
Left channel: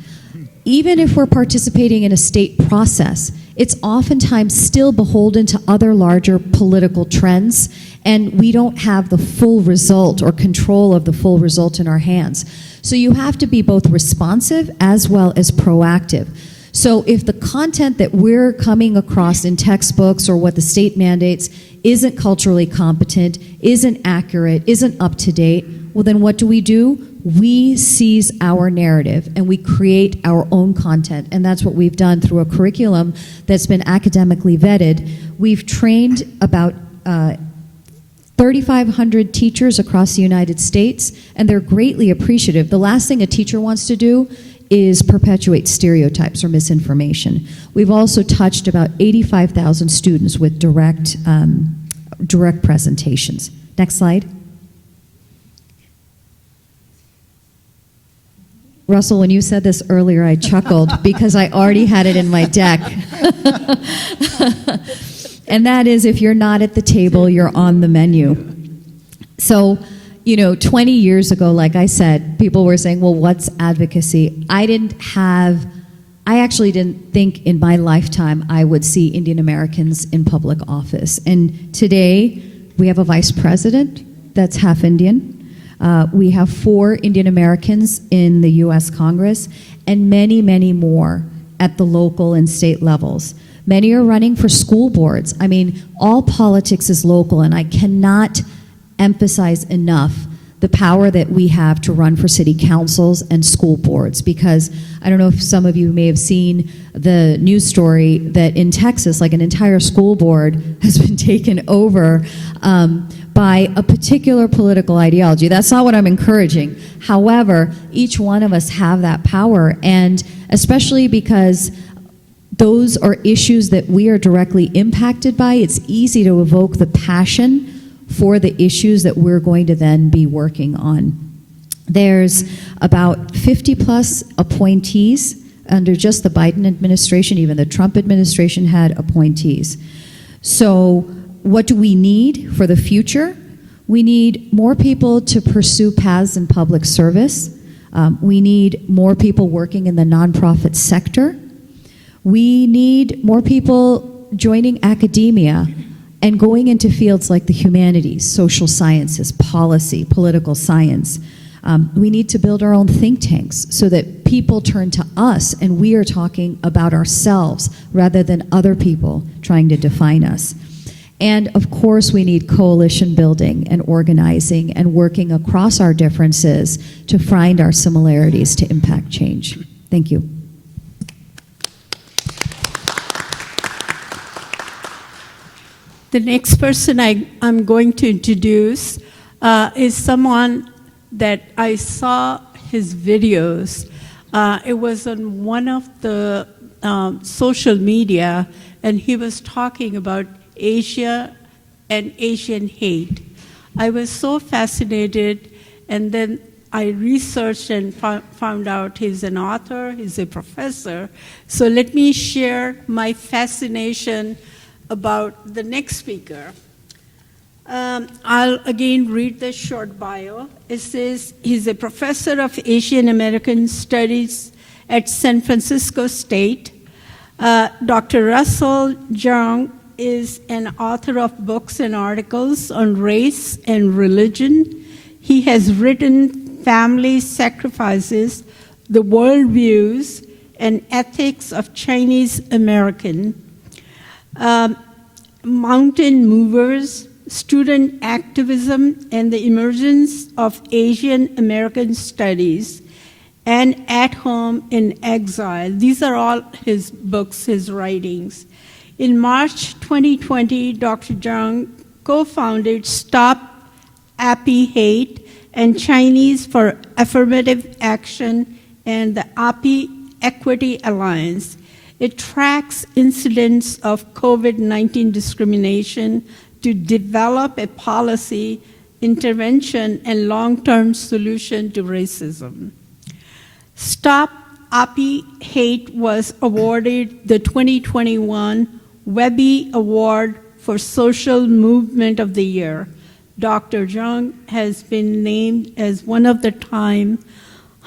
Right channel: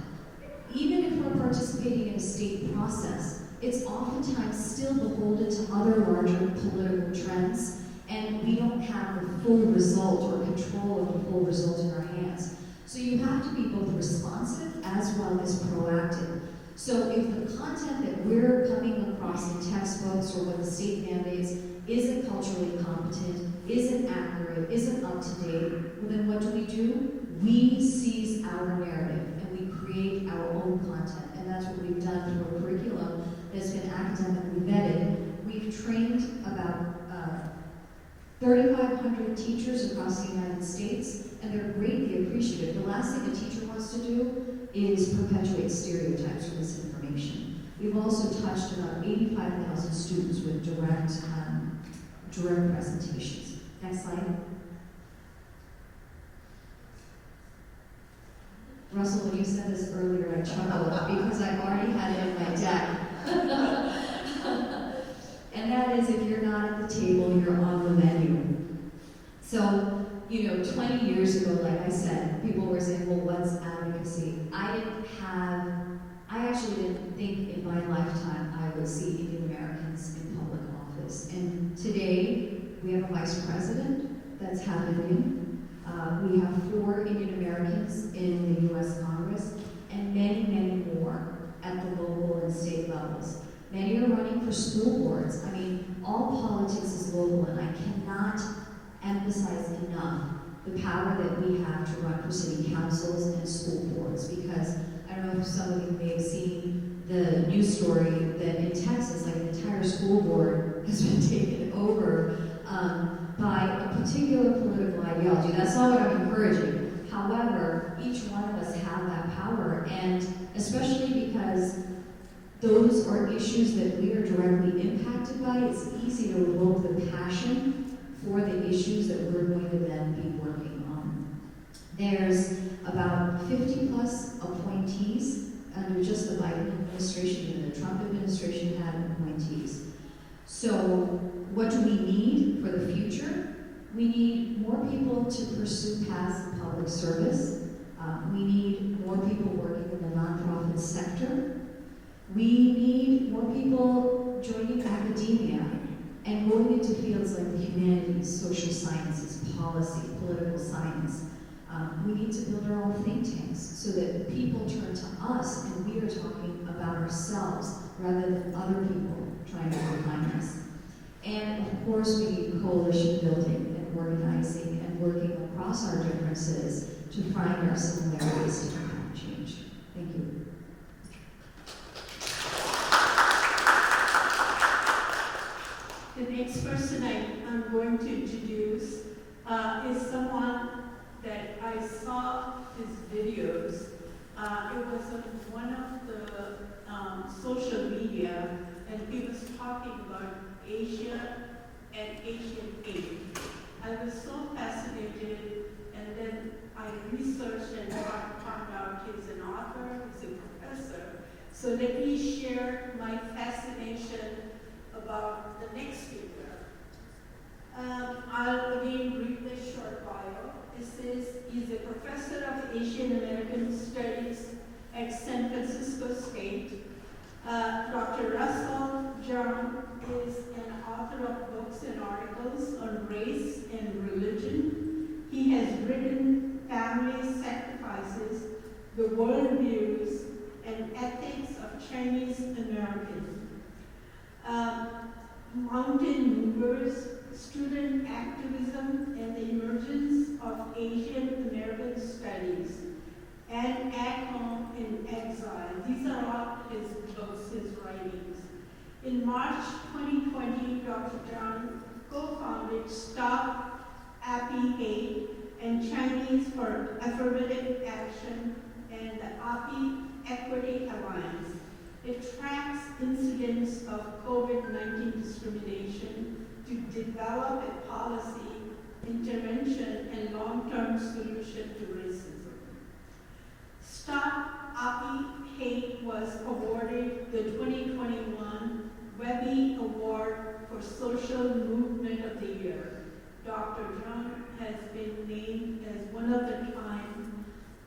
Even if we're participating in a state process, it's oftentimes still beholden to other larger political trends, and we don't have the full result or control of the full result in our hands. So you have to be both responsive as well as proactive. So if the content that we're coming across in textbooks or what the state mandates isn't culturally competent, isn't accurate, isn't up to date, well then what do? We seize our narrative and we create our own content, and that's what we've done through a curriculum that's been academically vetted. We've trained about 3,500 teachers across the United States, and they're greatly appreciative. The last thing a teacher wants to do is perpetuate stereotypes or misinformation. We've also touched about 85,000 students with direct presentations. Next slide. Russell, when you said this earlier, I chuckled because I already had it in my deck. And that is, if you're not at the table, you're on the menu. So, 20 years ago, like I said, people were saying, well, what's advocacy? I actually didn't think in my lifetime I would see Indian Americans in public office. And today, we have a vice president that's half Indian. We have 4 Indian Americans in the U.S. Congress, and many, many more at the local and state levels. Many are running for school boards. I mean, all politics is local, and I cannot emphasize enough the power that we have to run for city councils and school boards, because I don't know if some of you may have seen the news story that in Texas, like an entire school board has been taken over by a particular political ideology. That's not what I'm encouraging. However, each one of us have that power, and especially because those are issues that we are directly impacted by, it's easy to evoke the passion for the issues that we're going to then be working on. There's about 50 plus appointees under just the Biden administration. Even the Trump administration had appointees. So what do we need for the future? We need more people to pursue paths in public service. We need more people working in the nonprofit sector. We need more people joining academia and going into fields like the humanities, social sciences, policy, political science. We need to build our own think tanks so that people turn to us and we are talking about ourselves rather than other people trying to define us. And of course, we need coalition building and organizing and working across our differences to find our similarities to impact change. Thank you. The next person I'm going to introduce is someone that I saw his videos. It was on one of the social media, and he was talking about Asia and Asian hate. I was so fascinated, and then I researched and found out he's an author, he's a professor. So let me share my fascination about the next speaker. I'll again read the short bio. It says he's a professor of Asian American Studies at San Francisco State. Dr. Russell Jeung is an author of books and articles on race and religion. He has written Family Sacrifices, The Worldviews and Ethics of Chinese American, Mountain Movers, Student Activism and the Emergence of Asian American Studies, and At Home in Exile. These are all his books, his writings. In March 2020, Dr. Jeung co-founded Stop API Hate and Chinese for Affirmative Action and the API Equity Alliance. It tracks incidents of COVID-19 discrimination to develop a policy, intervention, and long-term solution to racism. Stop API Hate was awarded the 2021 Webby Award for Social Movement of the Year. Dr. Jeung has been named as one of the Time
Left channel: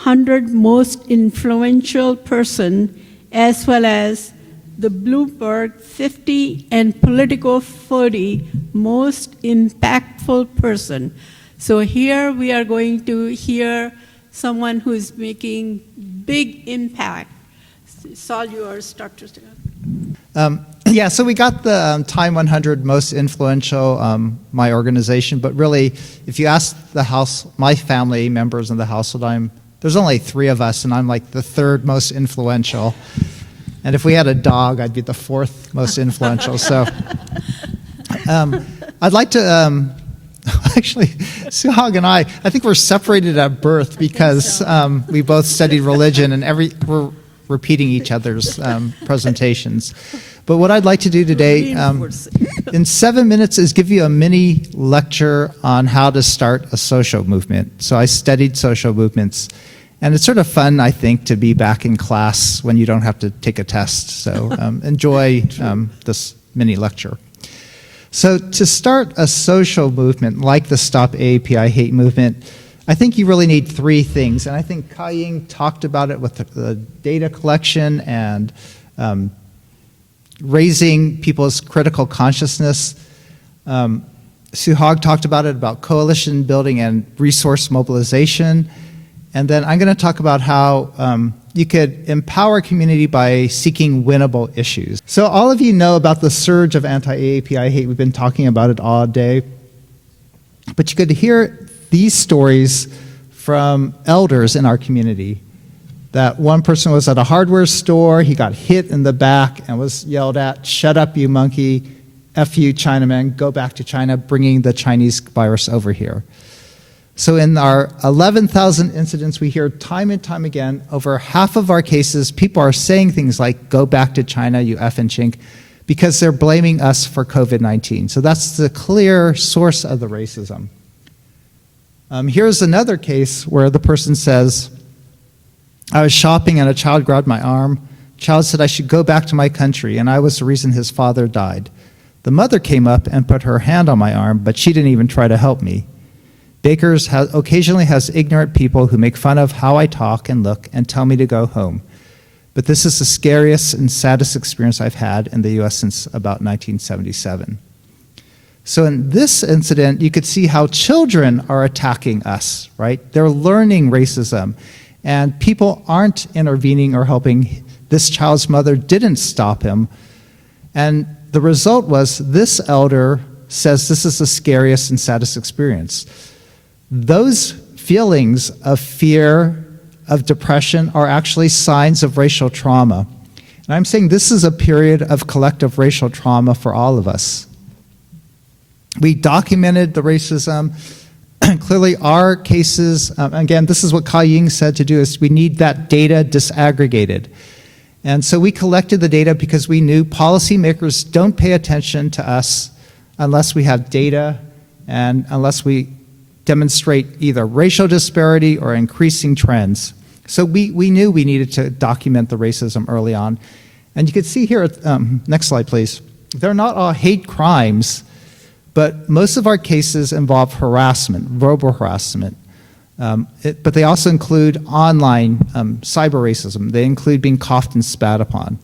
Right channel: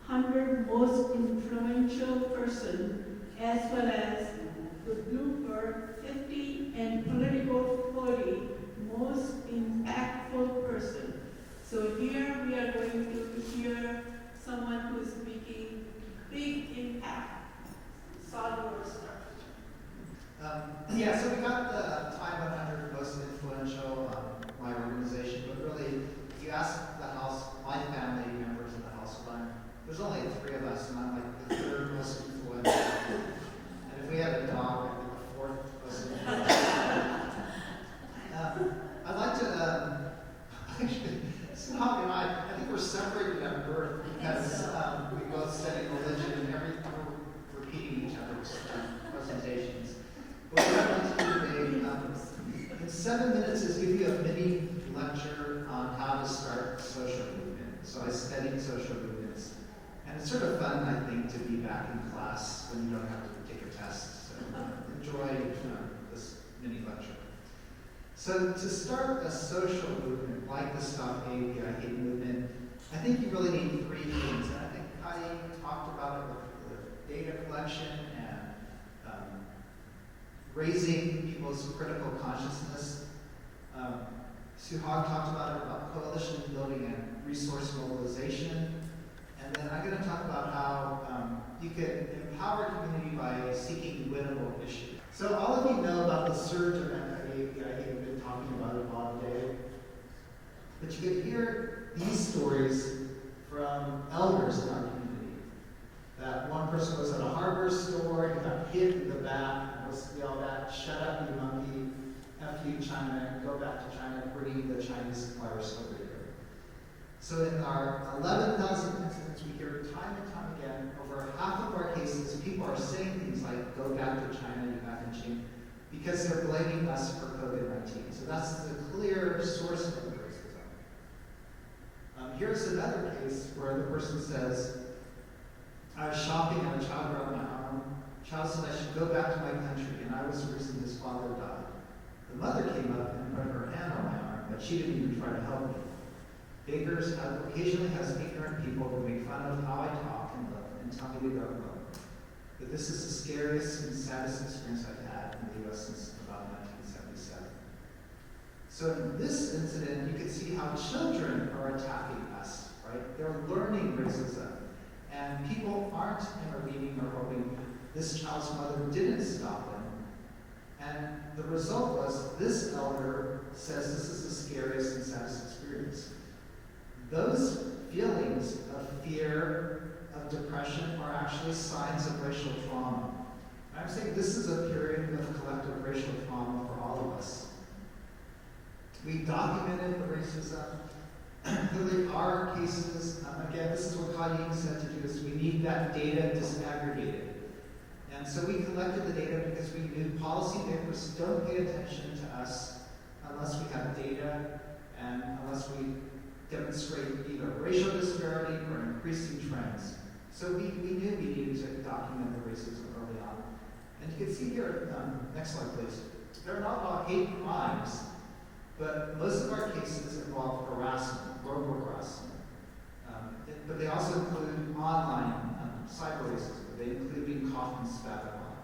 100 most influential person, as well as the Bloomberg 50 and Politico 40 most impactful person. So here we are going to hear someone who is making big impact. It's all yours, Dr. Stewart. Yeah, so we got the Time 100 most influential, my organization, but really, if you ask the house, my family members in the household, there's only 3 of us, and I'm like the 3rd most influential. And if we had a dog, I'd be the 4th most influential. So I'd like to, actually, Suhag and I think we're separated at birth because we both studied religion and we're repeating each other's presentations. But what I'd like to do today in 7 minutes is give you a mini lecture on how to start a social movement. So I studied social movements. And it's sort of fun, I think, to be back in class when you don't have to take a test. So enjoy this mini lecture. So to start a social movement like the Stop API Hate movement, I think you really need 3 things. And I think Kai-Ying talked about it with the data collection and raising people's critical consciousness. Suhag talked about it, about coalition building and resource mobilization. And then I'm going to talk about how you could empower community by seeking winnable issues. So all of you know about the surge of anti-AAPI hate. We've been talking about it all day. But you could hear these stories from elders in our community. That one person was at a hardware store, he got hit in the back and was yelled at, "Shut up, you monkey, F you, Chinaman, go back to China, bringing the Chinese virus over here." So in our 11,000 incidents, we hear time and time again, over half of our cases, people are saying things like, "Go back to China, you effing chink," because they're blaming us for COVID-19. So that's the clear source of the racism. Here's another case where the person says, "I was shopping and a child grabbed my arm. Child said I should go back to my country, and I was the reason his father died. The mother came up and put her hand on my arm, but she didn't even try to help me. Baker's occasionally has ignorant people who make fun of how I talk and look and tell me to go home. But this is the scariest and saddest experience I've had in the US since about 1977. So in this incident, you could see how children are attacking us, right? They're learning racism, and people aren't intervening or helping. This child's mother didn't stop him. And the result was this elder says this is the scariest and saddest experience. Those feelings of fear, of depression, are actually signs of racial trauma. And I'm saying this is a period of collective racial trauma for all of us. We documented the racism. Clearly, our cases, again, this is what Ka-Ying said to do, is we need that data disaggregated. And so we collected the data because we knew policymakers don't pay attention to us unless we have data and unless we demonstrate either racial disparity or increasing trends. So we knew we needed to document the racism early on. And you can see here, next slide please, they're not all hate crimes, but most of our cases involve harassment, verbal harassment. But they also include online cyber racism. They include being coughed and spat upon.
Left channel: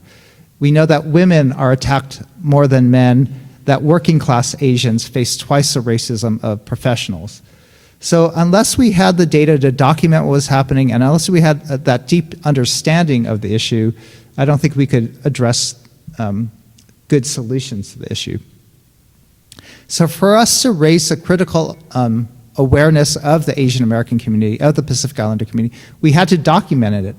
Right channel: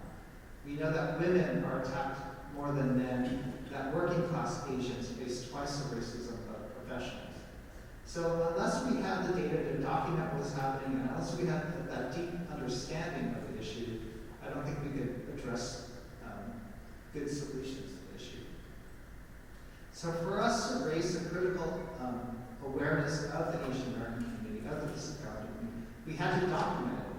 We know that women are attacked more than men, that working class Asians face twice the racism of professionals. So unless we had the data to document what was happening, and unless we had that deep understanding of the issue, I don't think we could address good solutions to the issue. So for us to raise a critical awareness of the Asian American community, of the Pacific Islander community, we had to document it.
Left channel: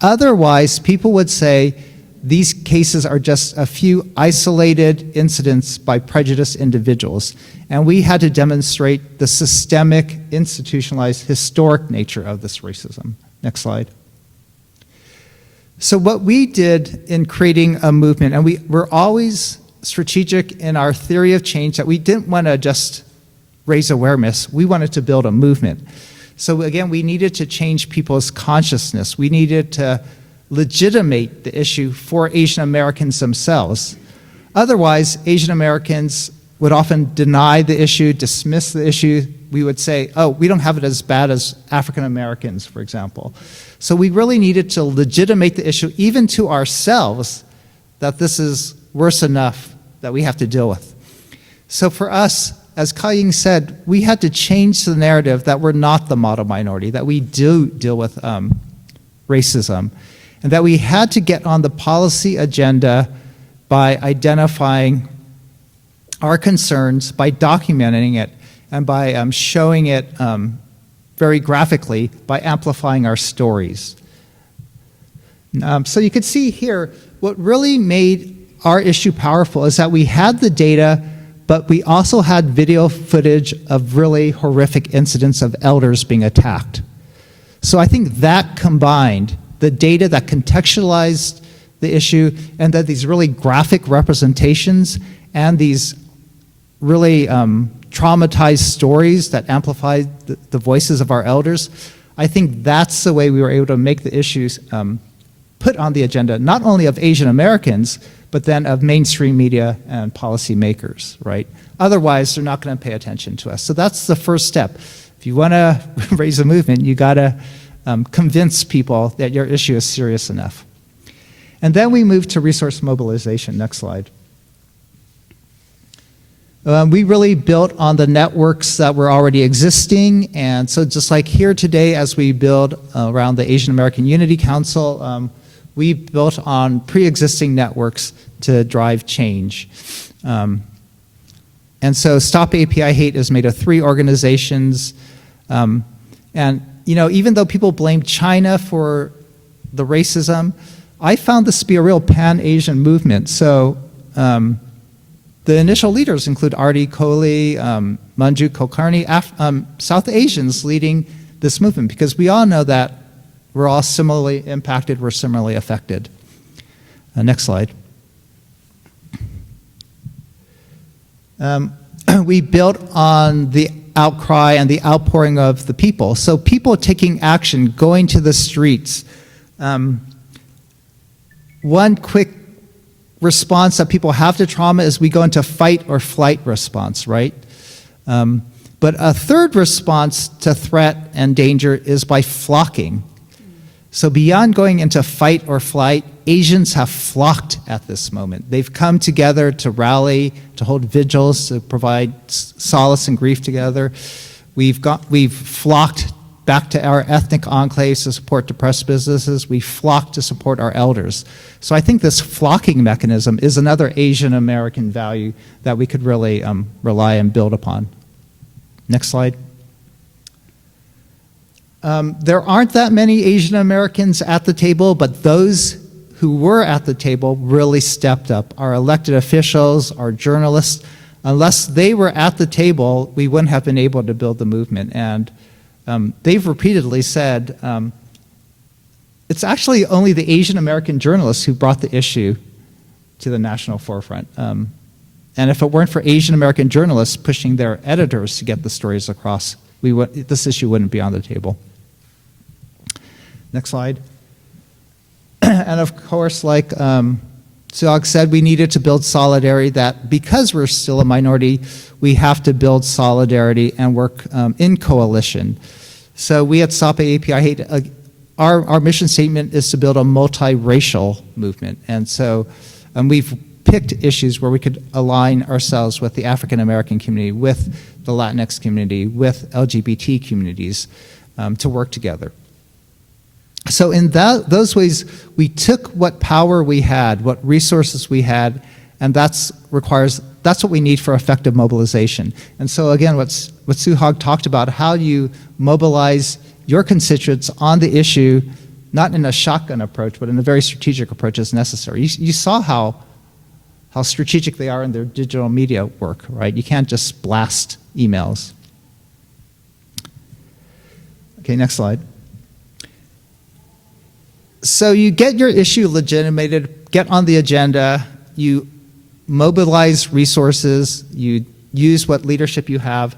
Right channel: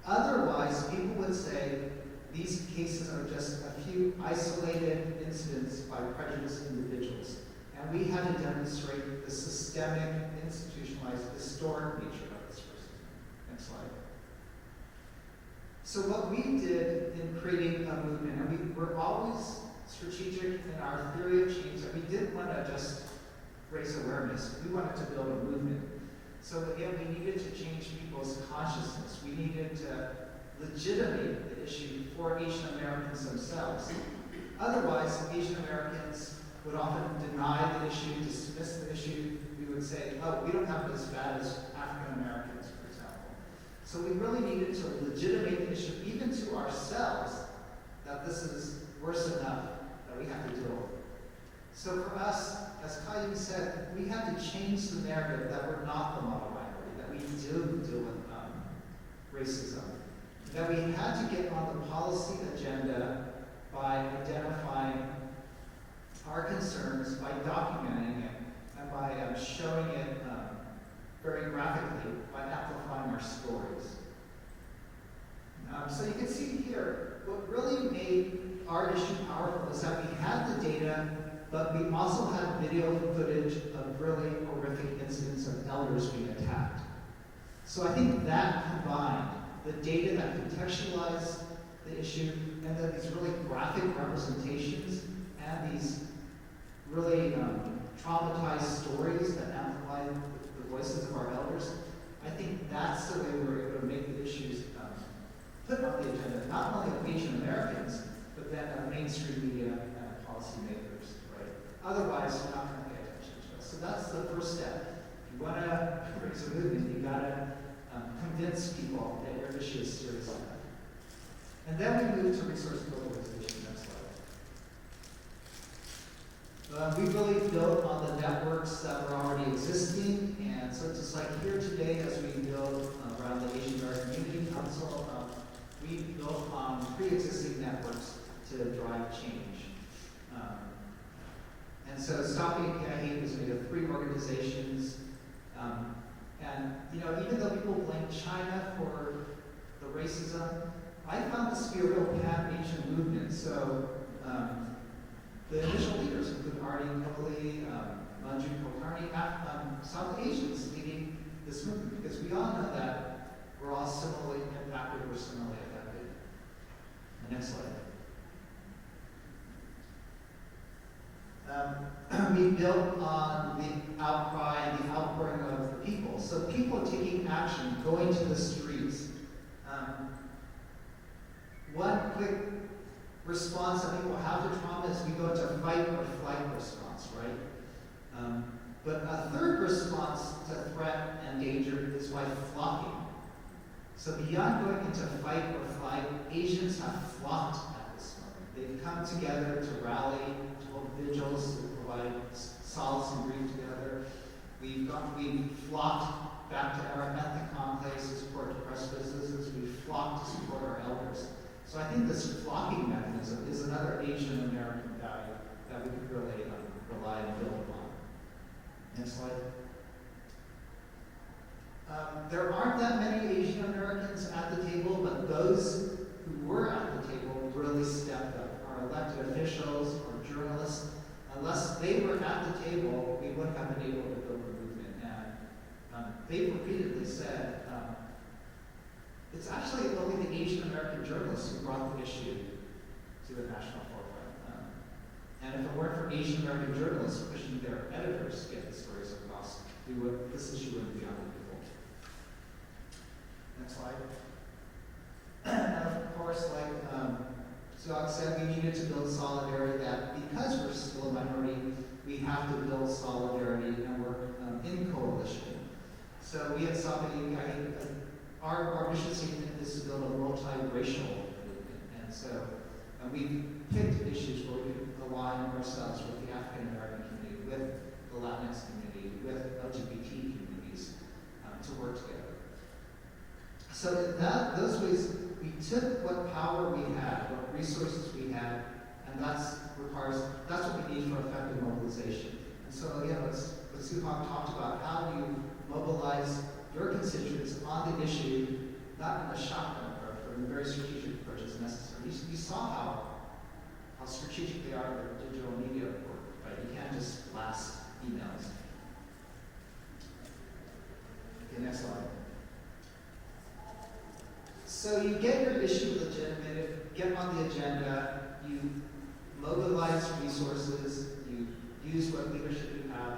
Otherwise, people would say these cases are just a few isolated incidents by prejudiced individuals. And we had to demonstrate the systemic, institutionalized, historic nature of this racism. Next slide. So what we did in creating a movement, and we're always strategic in our theory of change, that we didn't want to just raise awareness, we wanted to build a movement. So again, we needed to change people's consciousness. We needed to legitimate the issue for Asian Americans themselves. Otherwise, Asian Americans would often deny the issue, dismiss the issue. We would say, oh, we don't have it as bad as African Americans, for example. So we really needed to legitimate the issue, even to ourselves, that this is worse enough that we have to deal with. So for us, as Ka-Ying said, we had to change the narrative that we're not the model minority, that we do deal with racism, and that we had to get on the policy agenda by identifying our concerns, by documenting it, and by showing it very graphically, by amplifying our stories. So you can see here, what really made our issue powerful is that we had the data, but we also had video footage of really horrific incidents of elders being attacked. So I think that combined, the data that contextualized the issue, and that these really graphic representations and these really traumatized stories that amplified the voices of our elders, I think that's the way we were able to make the issues put on the agenda, not only of Asian Americans, but then of mainstream media and policymakers, right? Otherwise, they're not going to pay attention to us. So that's the first step. If you want to raise a movement, you got to convince people that your issue is serious enough. And then we move to resource mobilization. Next slide. We really built on the networks that were already existing, and so just like here today, as we build around the Asian American Unity Council, we built on pre-existing networks to drive change. And so Stop API Hate is made of 3 organizations, and even though people blame China for the racism, I found this to be a real pan-Asian movement. So the initial leaders include Artie Kohli, Manju Kulkarni, South Asians leading this movement, because we all know that we're all similarly impacted, we're similarly affected. Next slide. We built on the outcry and the outpouring of the people. So people taking action, going to the streets. One quick response that people have to trauma is we go into fight or flight response, right? But a third response to threat and danger is by flocking. So beyond going into fight or flight, Asians have flocked at this moment. They've come together to rally, to hold vigils, to provide solace and grief together. We've flocked back to our ethnic enclaves to support depressed businesses. We flocked to support our elders. So I think this flocking mechanism is another Asian American value that we could really rely and build upon. Next slide. There aren't that many Asian Americans at the table, but those who were at the table really stepped up. Our elected officials, our journalists, unless they were at the table, we wouldn't have been able to build the movement. And they've repeatedly said, it's actually only the Asian American journalists who brought the issue to the national forefront. And if it weren't for Asian American journalists pushing their editors to get the stories across, this issue wouldn't be on the table. Next slide. And of course, like Suhag said, we needed to build solidarity, that because we're still a minority, we have to build solidarity and work in coalition. So we at Stop AAPI Hate, our mission statement is to build a multiracial movement. And so we've picked issues where we could align ourselves with the African American community, with the Latinx community, with LGBT communities to work together. So in those ways, we took what power we had, what resources we had, and that's what we need for effective mobilization. And so again, what Suhag talked about, how you mobilize your constituents on the issue, not in a shotgun approach, but in a very strategic approach is necessary. You saw how strategic they are in their digital media work, right? You can't just blast emails. Okay, next slide. So you get your issue legitimated, get on the agenda, you mobilize resources, you use what leadership you have,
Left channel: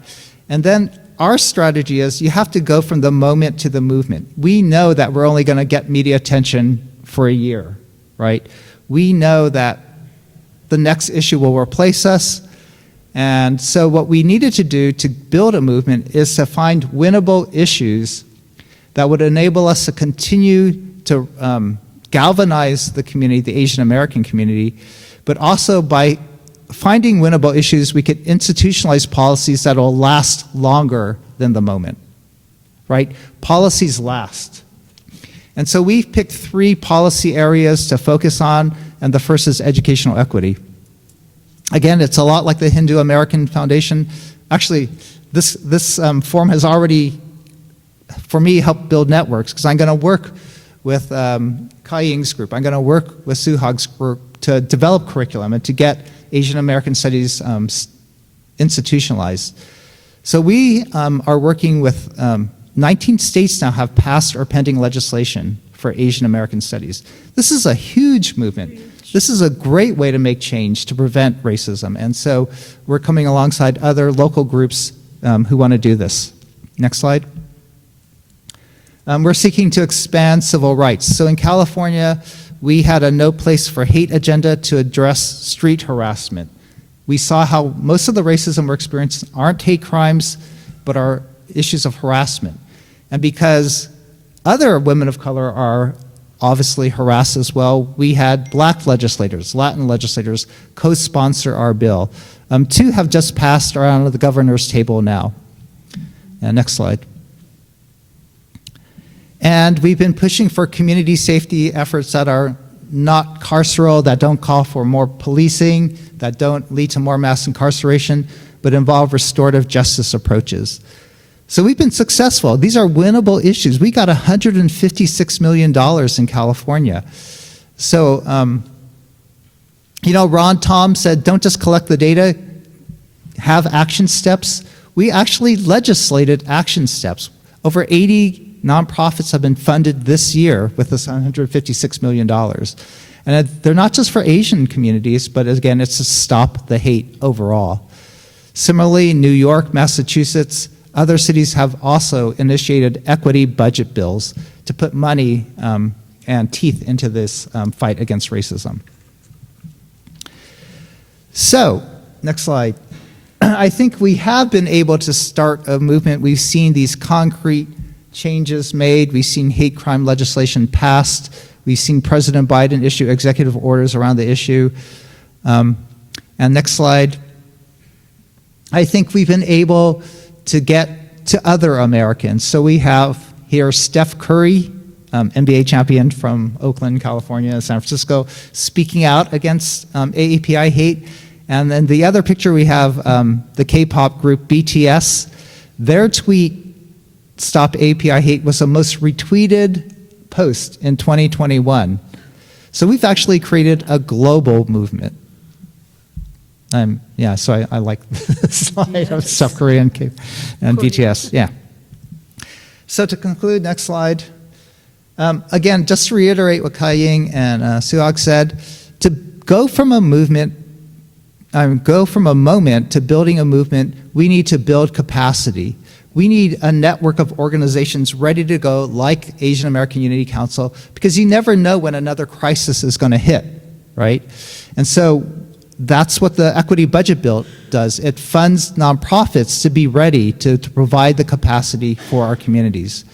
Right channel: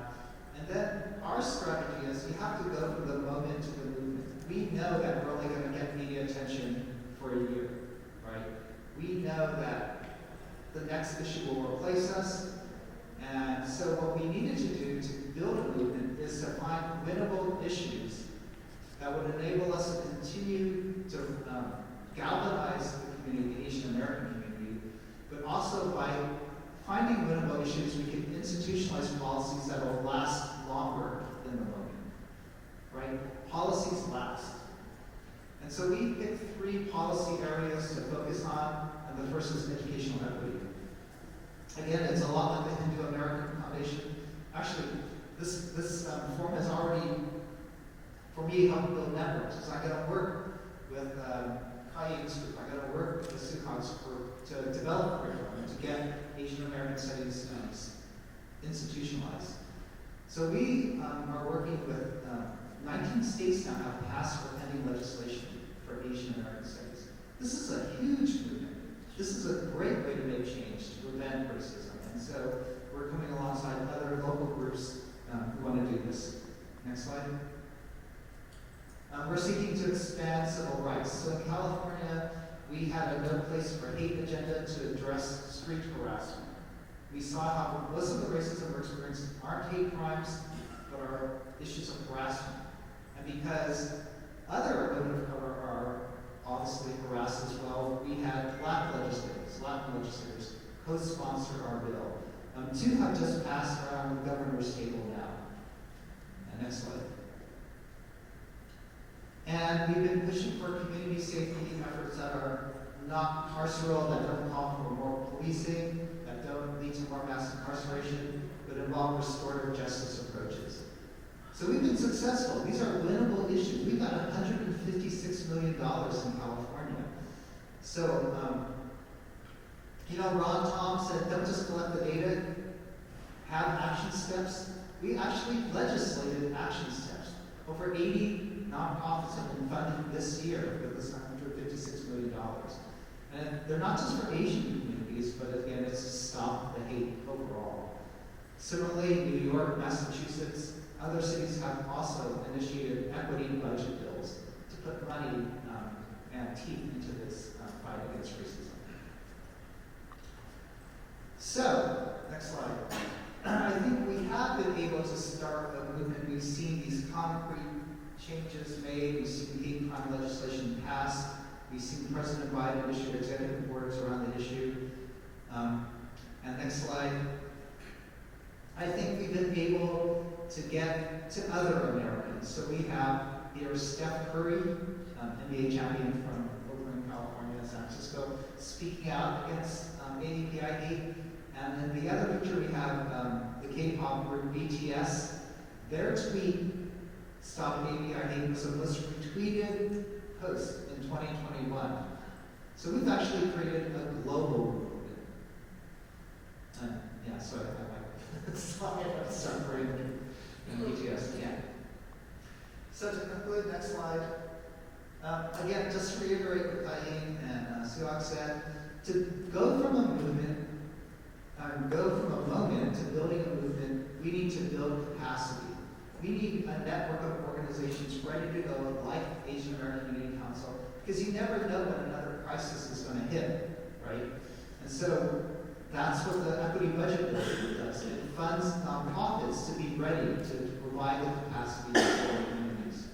and then our strategy is you have to go from the moment to the movement. We know that we're only going to get media attention for a year, right? We know that the next issue will replace us, and so what we needed to do to build a movement is to find winnable issues that would enable us to continue to galvanize the community, the Asian American community, but also by finding winnable issues, we could institutionalize policies that will last longer than the moment, right? Policies last. And so we've picked 3 policy areas to focus on, and the first is educational equity. Again, it's a lot like the Hindu American Foundation. Actually, this forum has already, for me, helped build networks, because I'm going to work with Kai Ying's group. I'm going to work with Suhag's group to develop curriculum and to get Asian American studies institutionalized. So we are working with 19 states now have passed or pending legislation for Asian American studies. This is a huge movement. This is a great way to make change, to prevent racism. And so we're coming alongside other local groups who want to do this. Next slide. We're seeking to expand civil rights. So in California, we had a No Place for Hate agenda to address street harassment. We saw how most of the racism we're experiencing aren't hate crimes, but are issues of harassment. And because other women of color are obviously harassed as well, we had Black legislators, Latin legislators co-sponsor our bill. 2 have just passed around the governor's table now. Next slide. And we've been pushing for community safety efforts that are not carceral, that don't call for more policing, that don't lead to more mass incarceration, but involve restorative justice approaches. So we've been successful. These are winnable issues. We got $156 million in California. So, Ron Tom said, don't just collect the data, have action steps. We actually legislated action steps. Over 80 nonprofits have been funded this year with this $156 million. And they're not just for Asian communities, but again, it's to stop the hate overall. Similarly, New York, Massachusetts, other cities have also initiated equity budget bills to put money and teeth into this fight against racism. So, next slide. I think we have been able to start a movement. We've seen these concrete changes made. We've seen hate crime legislation passed. We've seen President Biden issue executive orders around the issue. And next slide. I think we've been able to get to other Americans. So we have here Steph Curry, NBA champion from Oakland, California, San Francisco, speaking out against AAPI hate. And then the other picture we have the K-pop group BTS. Their tweet, Stop AAPI Hate, was the most retweeted post in 2021. So we've actually created a global movement. So I like the slide of South Korea and BTS. Yeah. So to conclude, next slide. Again, just to reiterate what Ka-Ying and Suhag said, to go from a moment to building a movement, we need to build capacity. We need a network of organizations ready to go, like Asian American Unity Council, because you never know when another crisis is going to hit, right? And so that's what the Equity Budget Bill does. It funds nonprofits to be ready to provide the capacity for our communities.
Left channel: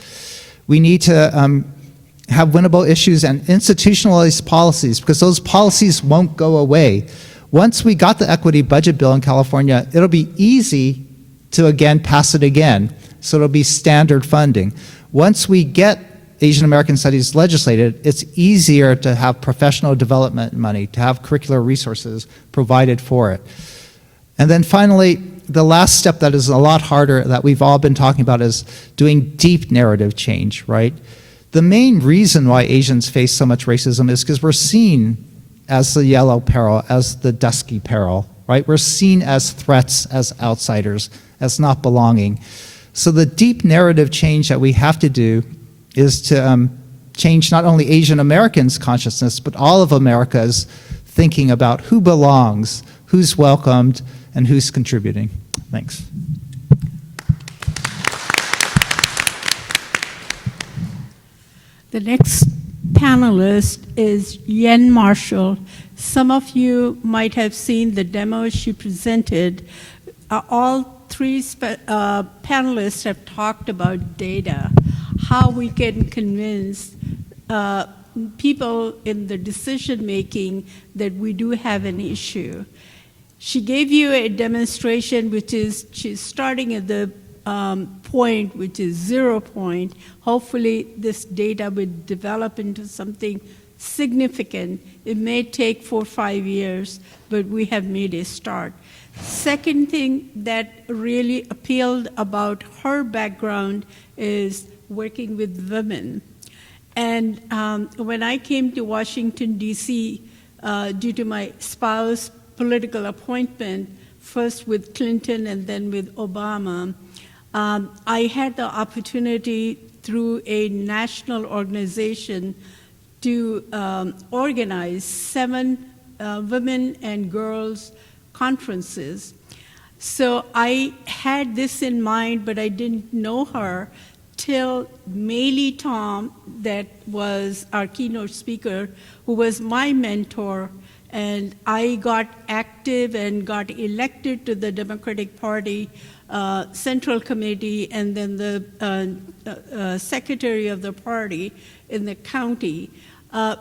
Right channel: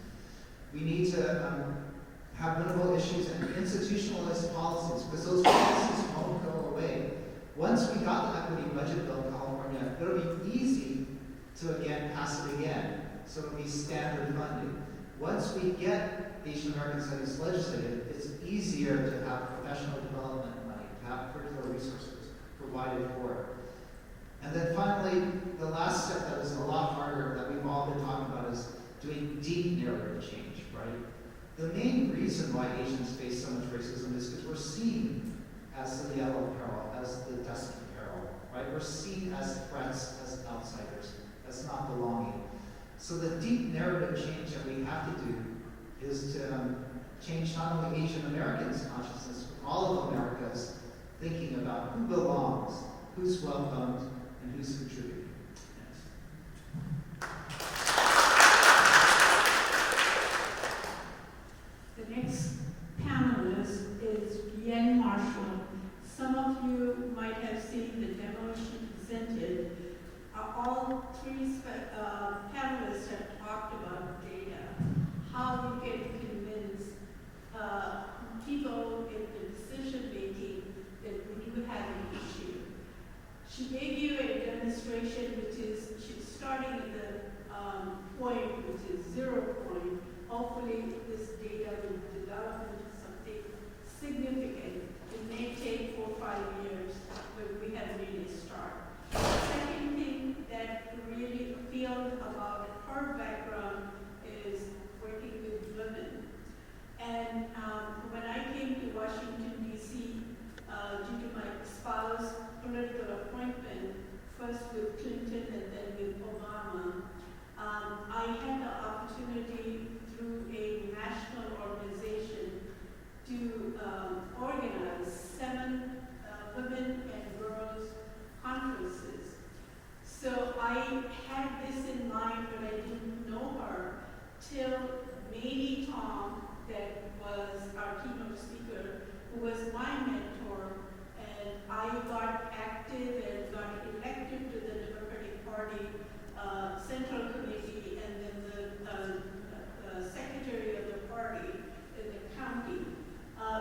We need to have winnable issues and institutionalized policies, because those policies won't go away. Once we got the Equity Budget Bill in California, it'll be easy to again pass it again, so it'll be standard funding. Once we get Asian American Studies legislated, it's easier to have professional development money, to have curricular resources provided for it. And then finally, the last step that is a lot harder that we've all been talking about is doing deep narrative change, right? The main reason why Asians face so much racism is because we're seen as the yellow peril, as the dusky peril, right? We're seen as threats, as outsiders, as not belonging. So the deep narrative change that we have to do is to change not only Asian Americans' consciousness, but all of America's thinking about who belongs, who's welcomed, and who's contributing. Thanks. The next panelist is Yen Marshall. Some of you might have seen the demo she presented. All three panelists have talked about data, how we can convince people in the decision making that we do have an issue. She gave you a demonstration, which is she's starting at the point, which is 0 point. Hopefully this data will develop into something significant. It may take 4 or 5 years, but we have made a start. Second thing that really appealed about her background is working with women. And when I came to Washington, D.C., due to my spouse's political appointment, first with Clinton and then with Obama, I had the opportunity through a national organization to organize 7 women and girls conferences. So I had this in mind, but I didn't know her till Maylee Tom, that was our keynote speaker, who was my mentor, and I got active and got elected to the Democratic Party Central Committee and then the secretary of the party in the county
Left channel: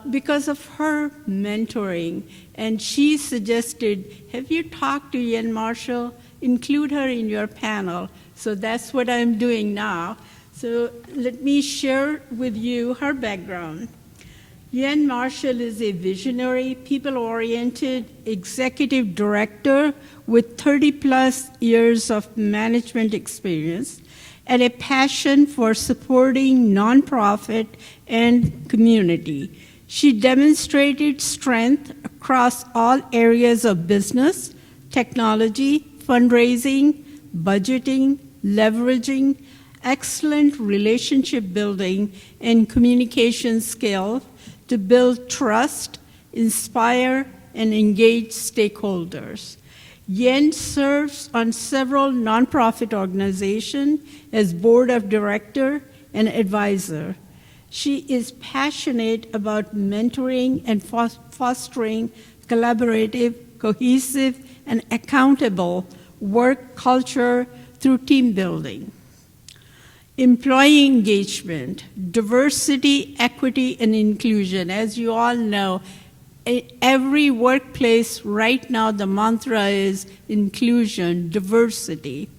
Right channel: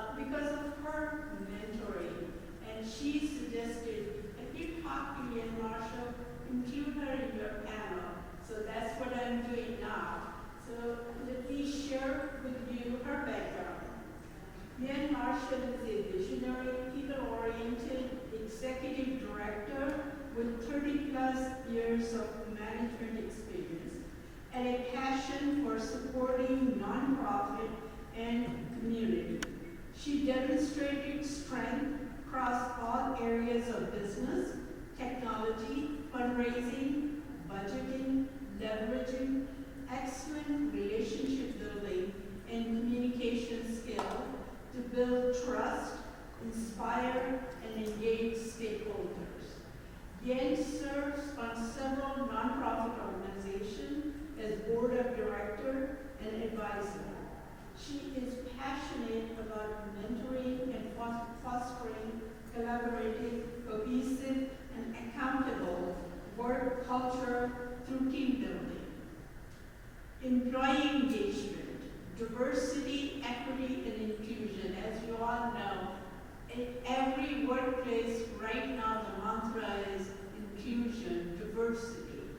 because of her mentoring. And she suggested, have you talked to Yen Marshall? Include her in your panel. So that's what I'm doing now. So let me share with you her background. Yen Marshall is a visionary, people-oriented executive director with 30-plus years of management experience and a passion for supporting nonprofit and community. She demonstrated strength across all areas of business, technology, fundraising, budgeting, leveraging, excellent relationship building, and communication skills to build trust, inspire, and engage stakeholders. Yen serves on several nonprofit organizations as board of director and advisor. She is passionate about mentoring and fostering collaborative, cohesive, and accountable work culture through team building. employee engagement, diversity, equity, and inclusion. As you all know, every workplace right now, the mantra is inclusion, diversity.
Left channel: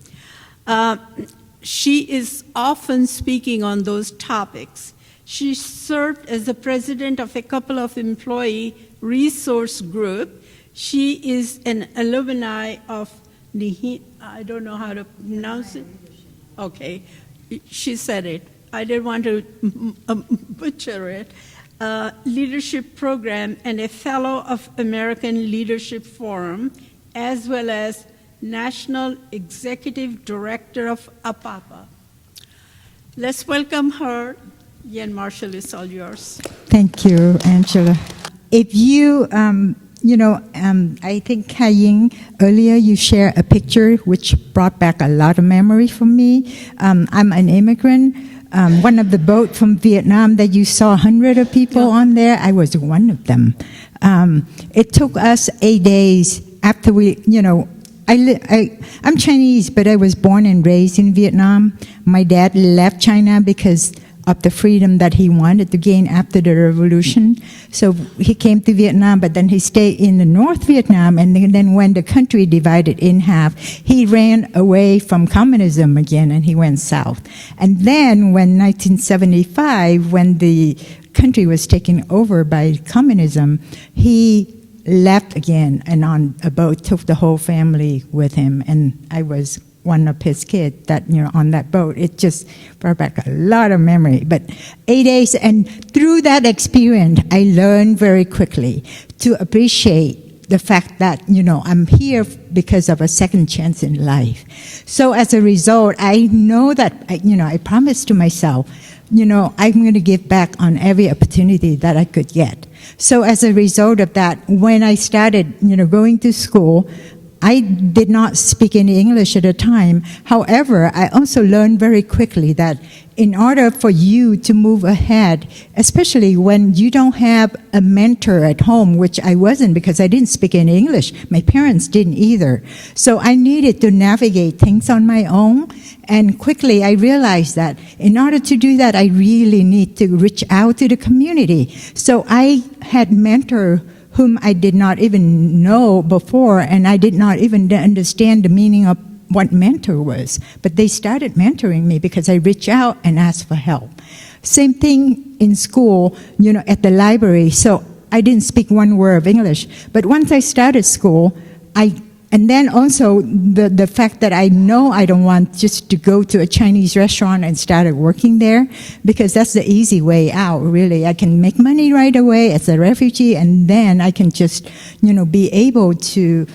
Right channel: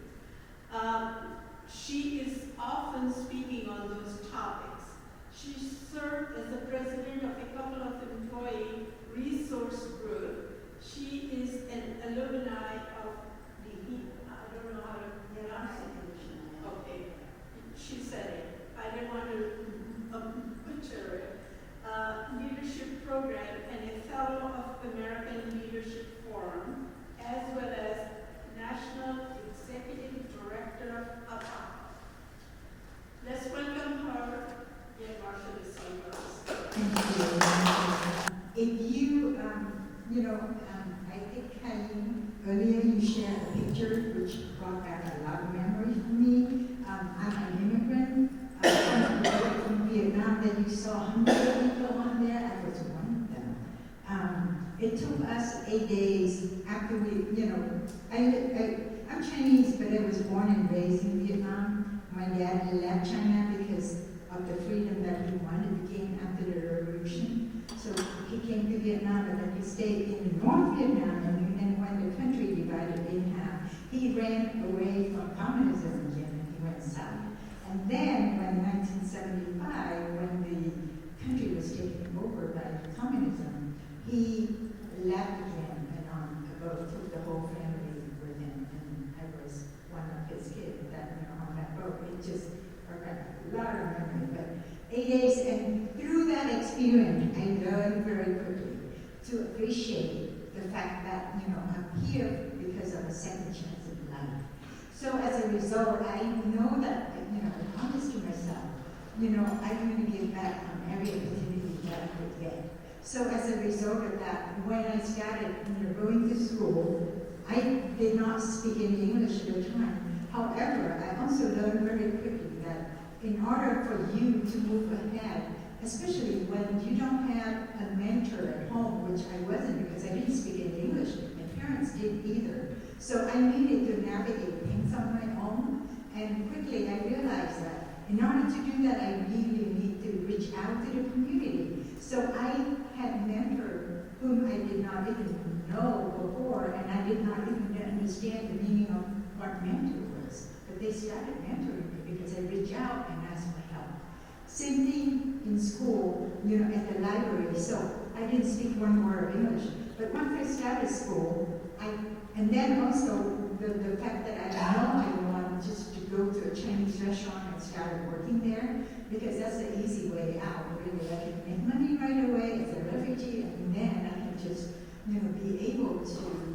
She is often speaking on those topics. She served as the president of a couple of employee resource group. She is an alumni of I don't know how to pronounce it. Okay, she said it. I didn't want to butcher it. Leadership program and a fellow of American Leadership Forum, as well as National Executive Director of APAPA. Let's welcome her. Yen Marshall, it's all yours. Thank you, Angela. If you, I think Kai-Ying, earlier you shared a picture which brought back a lot of memory for me. I'm an immigrant. One of the boats from Vietnam that you saw hundreds of people on there, I was one of them. It took us 8 days after we, I'm Chinese, but I was born and raised in Vietnam. My dad left China because of the freedom that he wanted to gain after the revolution. So he came to Vietnam, but then he stayed in the North Vietnam, and then when the country divided in half, he ran away from communism again, and he went south. And then when 1975, when the country was taken over by communism, he left again, and on a boat took the whole family with him, and I was one of his kids that, on that boat. It just brought back a lot of memory. But 8 days, and through that experience, I learned very quickly to appreciate the fact that, I'm here because of a second chance in life. So as a result, I know that, I promised to myself, I'm going to give back on every opportunity that I could get. So as a result of that, when I started, going to school, I did not speak any English at the time. However, I also learned very quickly that in order for you to move ahead, especially when you don't have a mentor at home, which I wasn't because I didn't speak any English. My parents didn't either. So I needed to navigate things on my own. And quickly I realized that in order to do that, I really need to reach out to the community. So I had mentors whom I did not even know before, and I did not even understand the meaning of what mentor was. But they started mentoring me because I reached out and asked for help. Same thing in school, at the library. So I didn't speak one word of English. But once I started school, and then also the fact that I know I don't want just to go to a Chinese restaurant and started working there, because that's the easy way out, really. I can make money right away as a refugee, and then I can just, be able to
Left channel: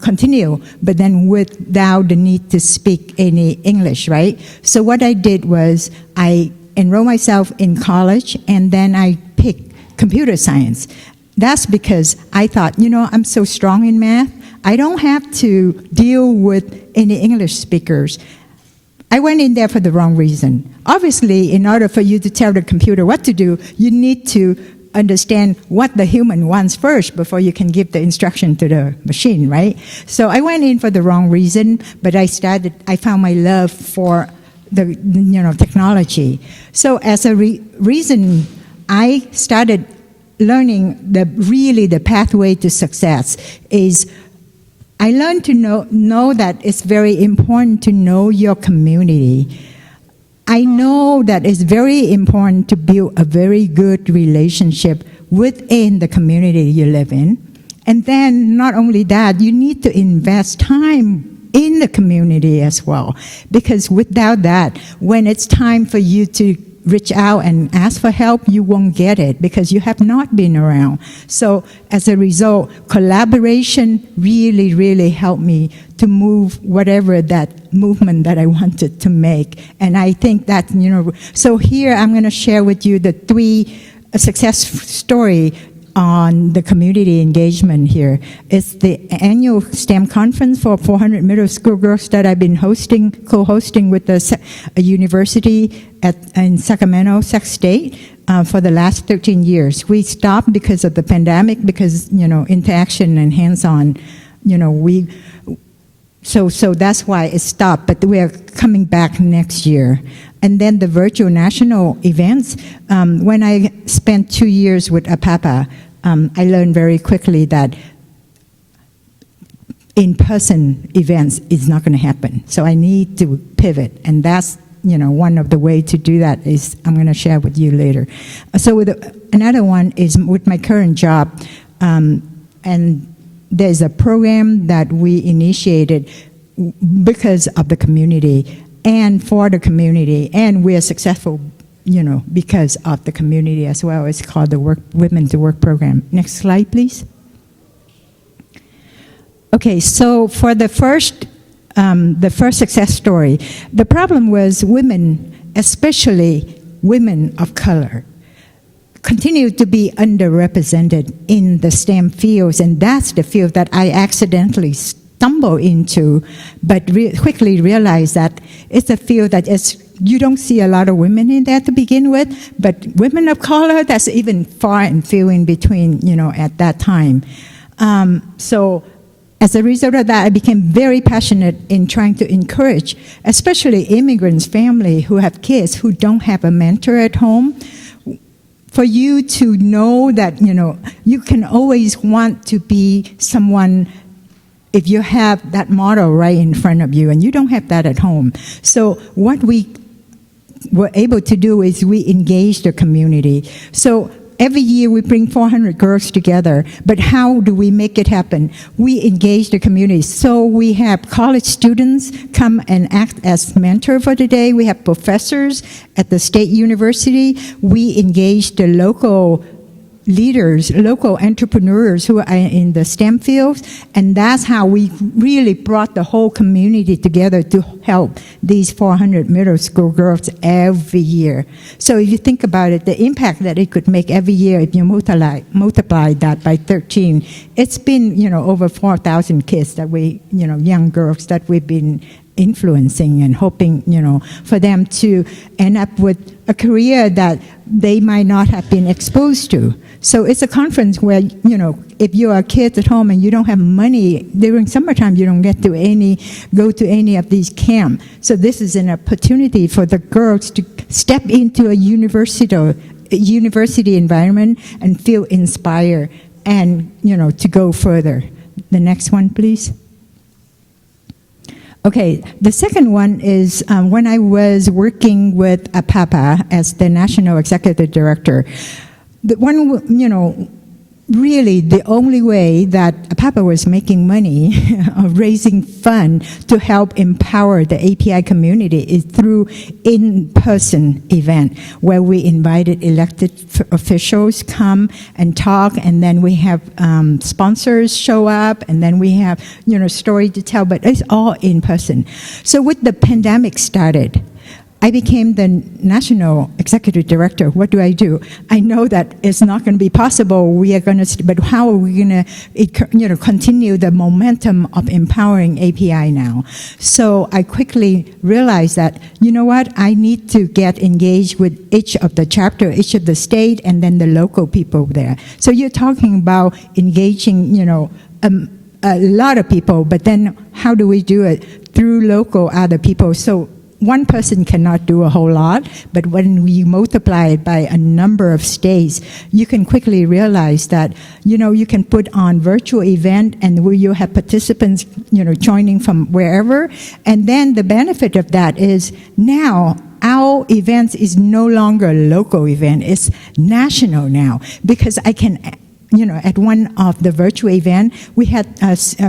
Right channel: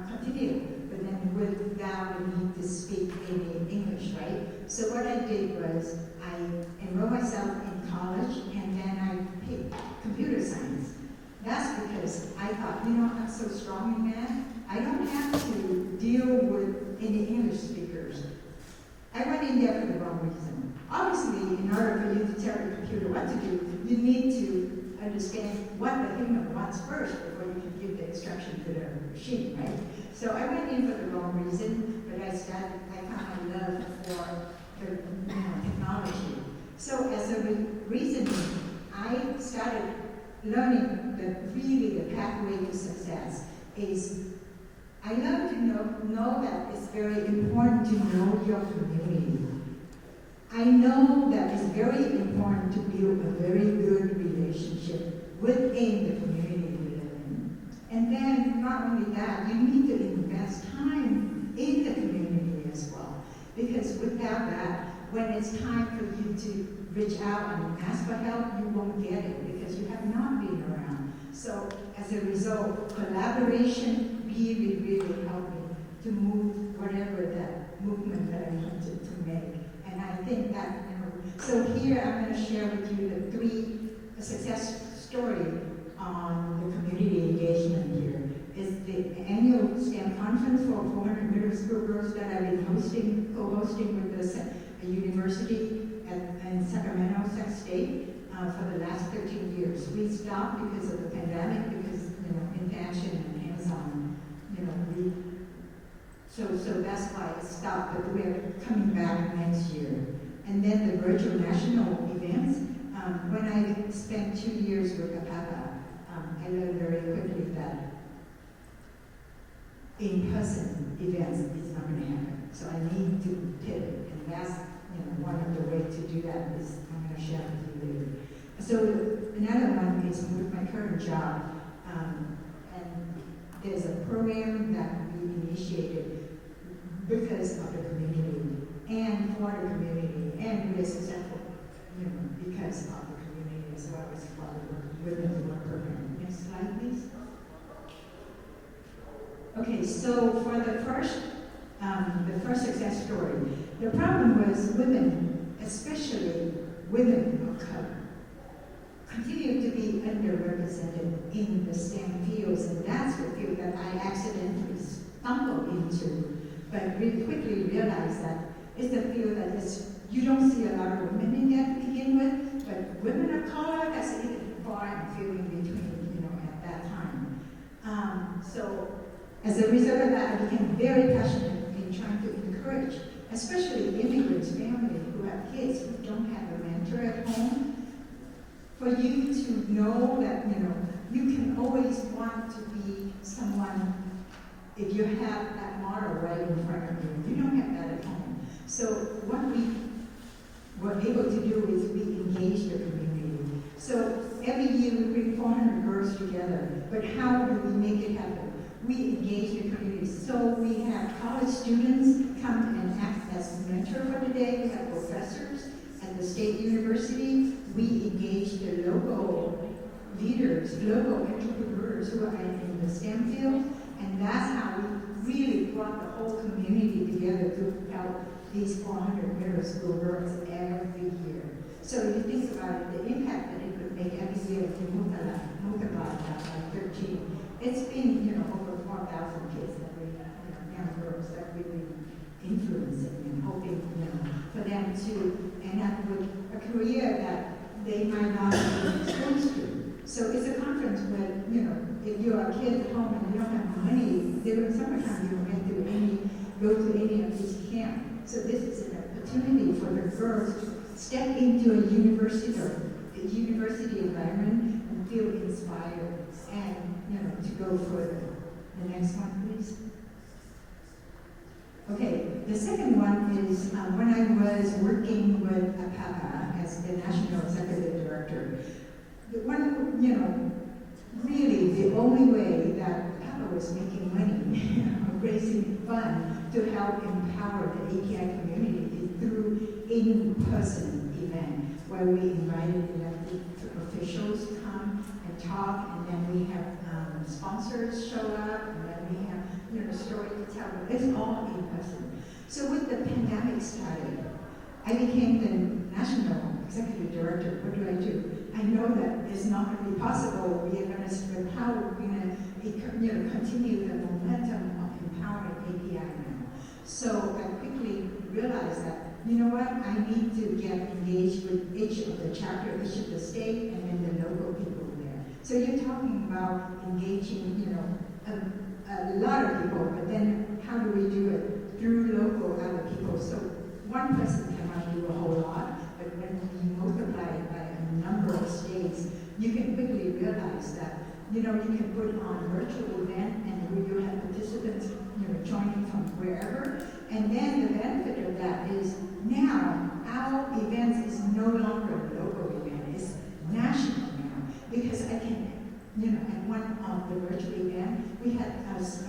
continue, but then without the need to speak any English, right? So what I did was I enrolled myself in college, and then I picked computer science. That's because I thought, I'm so strong in math, I don't have to deal with any English speakers. I went in there for the wrong reason. Obviously, in order for you to tell the computer what to do, you need to understand what the human wants first before you can give the instruction to the machine, right? So I went in for the wrong reason, but I found my love for the technology. So as a reason, I started learning the pathway to success is I learned to know that it's very important to know your community. I know that it's very important to build a very good relationship within the community you live in. And then not only that, you need to invest time in the community as well. Because without that, when it's time for you to reach out and ask for help, you won't get it because you have not been around. So as a result, collaboration really, really helped me to move whatever that movement that I wanted to make. And I think that, so here I'm going to share with you the 3 success story on the community engagement here. It's the annual STEM conference for 400 middle school girls that I've been co-hosting with a university in Sacramento, Sac State, for the last 13 years. We stopped because of the pandemic, because, interaction and hands-on, so that's why it stopped, but we are coming back next year. and then the virtual national events. When I spent 2 years with APAPA, I learned very quickly that in-person events is not going to happen. So I need to pivot, and that's one of the way to do that is I'm going to share with you later. So with another one is with my current job, and there's a program that we initiated because of the community and for the community, and we are successful, because of the community as well. It's called the Women to Work program. Next slide, please. Okay, so for the first success story, the problem was women, especially women of color, continue to be underrepresented in the STEM fields, and that's the field that I accidentally stumbled into, but quickly realized that it's a field that you don't see a lot of women in there to begin with, but women of color, that's even far and few in between, at that time. So as a result of that, I became very passionate in trying to encourage, especially immigrants' family who have kids who don't have a mentor at home, for you to know that, you can always want to be someone if you have that model right in front of you, and you don't have that at home. So what we were able to do is we engaged the community. So every year we bring 400 girls together, but how do we make it happen? We engage the community. So we have college students come and act as mentor for the day. We have professors at the state university. We engage the local leaders, local entrepreneurs who are in the STEM fields, and that's how we really brought the whole community together to help these 400 middle school girls every year. So if you think about it, the impact that it could make every year, if you multiply that by 13, it's been, over 4,000 kids that we, young girls that we've been influencing and hoping, for them to end up with a career that they might not have been exposed to. So it's a conference where, if you're a kid at home and you don't have money, during summertime you don't get to go to any of these camps. So this is an opportunity for the girls to step into a university environment and feel inspired and, to go further. The next one, please. Okay, the second one is when I was working with APAPA as the National Executive Director. The one, really the only way that APAPA was making money of raising funds to help empower the API community is through in-person event where we invited elected officials come and talk, and then we have sponsors show up, and then we have story to tell, but it's all in person. So with the pandemic started, I became the National Executive Director. What do? I know that it's not going to be possible. But how are we going to, continue the momentum of empowering API now? So I quickly realized that, I need to get engaged with each of the chapter, each of the state, and then the local people there. So you're talking about engaging, a lot of people, but then how do we do it? Through local other people. So one person cannot do a whole lot, but when you multiply it by a number of states, you can quickly realize that, you can put on virtual event and where you have participants, joining from wherever. And then the benefit of that is now our events is no longer a local event, it's national now, because I can, at one of the virtual event, we had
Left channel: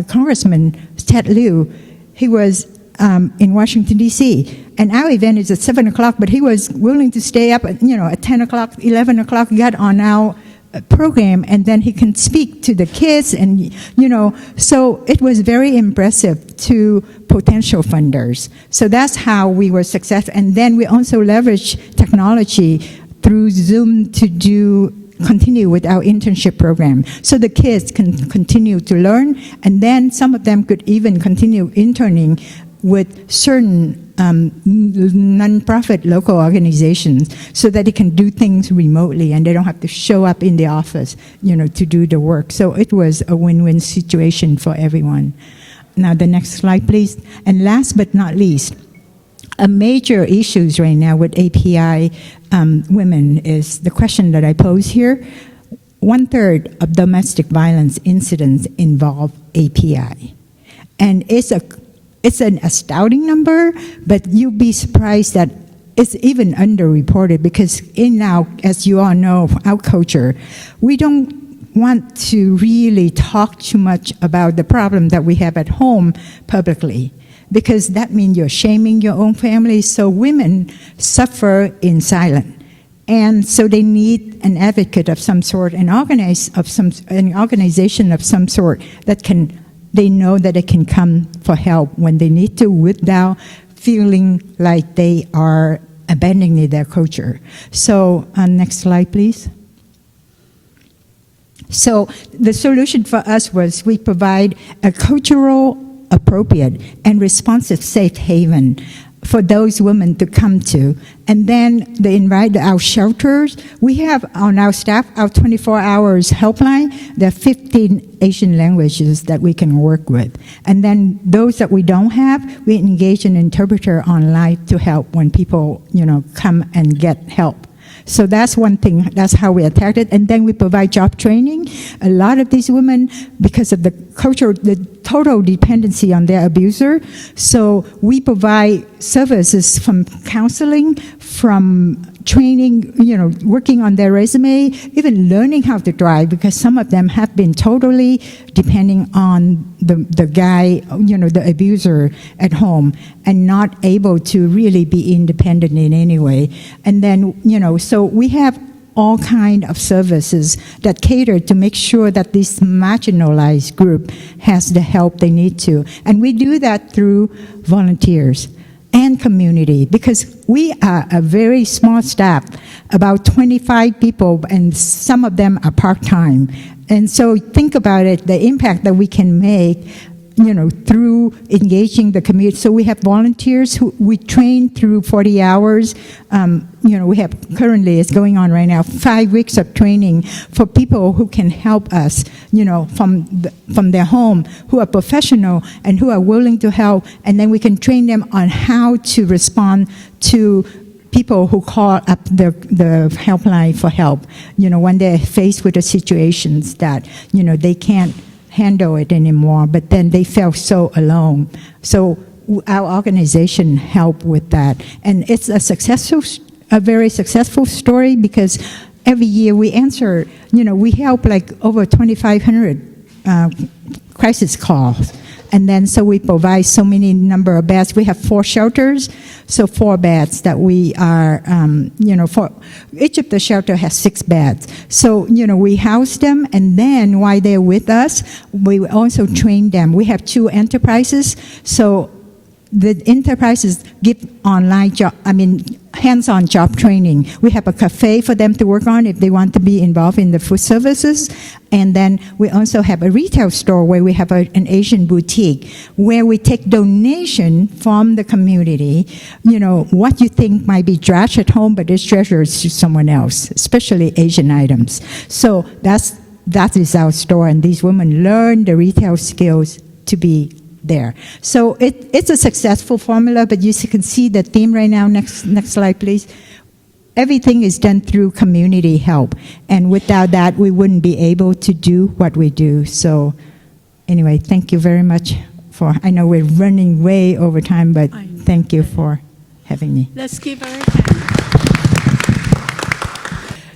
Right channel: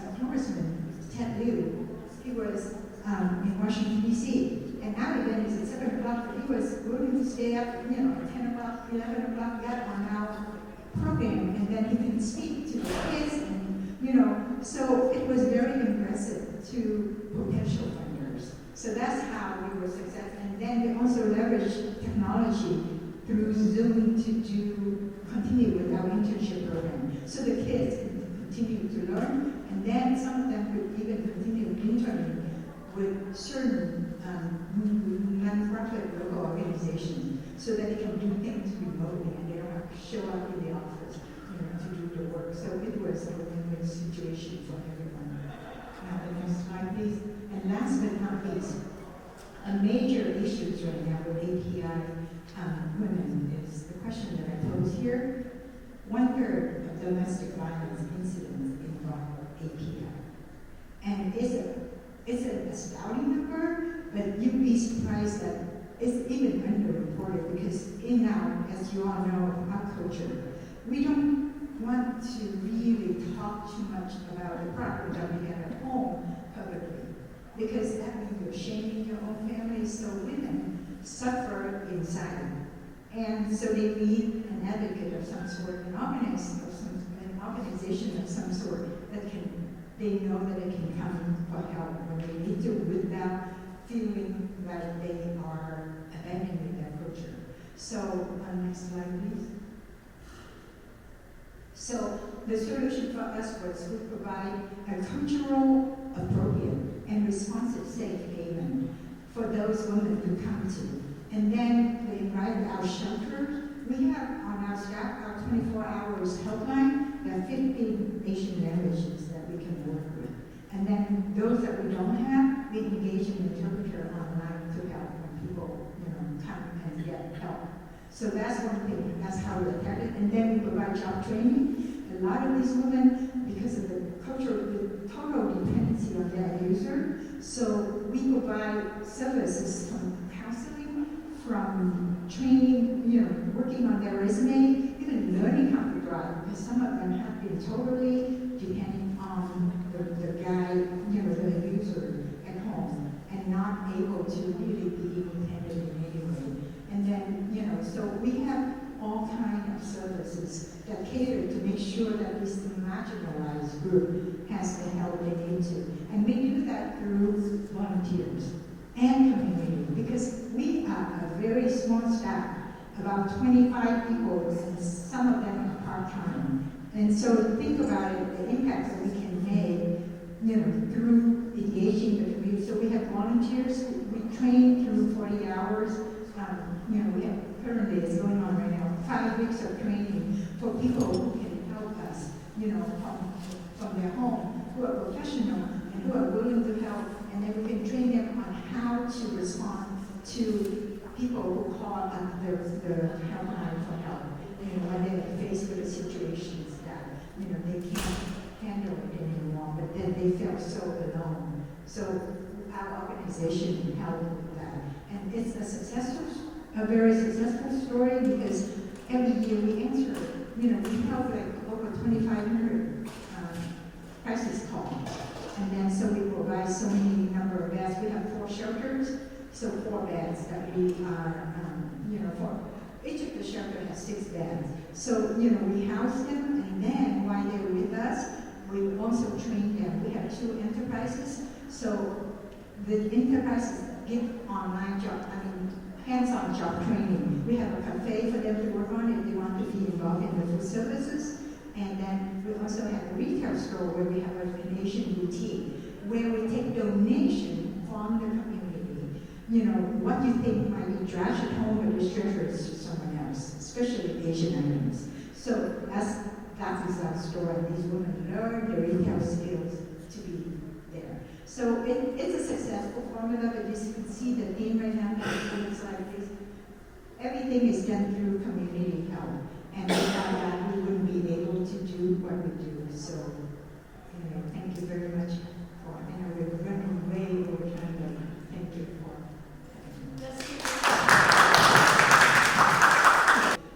Congressman Ted Lieu. He was in Washington, D.C. And our event is at 7 o'clock, but he was willing to stay up at, at 10 o'clock, 11 o'clock, get on our program, and then he can speak to the kids, and, so it was very impressive to potential funders. So that's how we were successful. And then we also leveraged technology through Zoom to continue with our internship program. So the kids can continue to learn, and then some of them could even continue interning with certain nonprofit local organizations so that they can do things remotely and they don't have to show up in the office, to do the work. So it was a win-win situation for everyone. Now the next slide, please. And last but not least, a major issues right now with API women is the question that I pose here. 1/3 of domestic violence incidents involve API. And it's an astounding number, but you'd be surprised that it's even underreported because in now, as you all know, our culture, we don't want to really talk too much about the problem that we have at home publicly, because that means you're shaming your own family. So women suffer in silence. And so they need an advocate of some sort, an organization of some sort that they know that they can come for help when they need to without feeling like they are abandoning their culture. So next slide, please. So the solution for us was we provide a cultural appropriate and responsive safe haven for those women to come to. And then they invite our shelters. We have on our staff, our 24 hours helpline, there are 15 Asian languages that we can work with. And then those that we don't have, we engage an interpreter online to help when people, come and get help. So that's one thing, that's how we attack it. And then we provide job training. A lot of these women, because of the culture, the total dependency on their abuser, so we provide services from counseling, from training, working on their resume, even learning how to drive, because some of them have been totally depending on the guy, the abuser at home, and not able to really be independent in any way. And then, so we have all kind of services that cater to make sure that this marginalized group has the help they need to. And we do that through volunteers and community, because we are a very small staff, about 25 people, and some of them are part-time. And so think about it, the impact that we can make, through engaging the community. So we have volunteers who we train through 40 hours. We have currently, it's going on right now, 5 weeks of training for people who can help us, from their home, who are professional and who are willing to help. And then we can train them on how to respond to people who call up the helpline for help, when they're faced with the situations that, they can't handle it anymore, but then they felt so alone. So our organization helped with that. And it's a very successful story, because every year we answer, we help like over 2,500 crisis calls. And then so we provide so many number of beds. We have 4 shelters, so 4 beds that we are, for each of the shelter has 6 beds. So, we house them, and then while they're with us, we also train them. We have 2 enterprises, so the enterprises give online hands-on job training. We have a cafe for them to work on if they want to be involved in the food services. And then we also have a retail store where we have an Asian boutique where we take donation from the community, what you think might be trash at home, but it's treasure to someone else, especially Asian items. So that is our store, and these women learn the retail skills to be there. So it's a successful formula, but you can see the theme right now. Next slide, please. Everything is done through community help, and without that, we wouldn't be able to do what we do. So anyway, thank you very much I know we're running way over time, but thank you for having me. Let's keep our...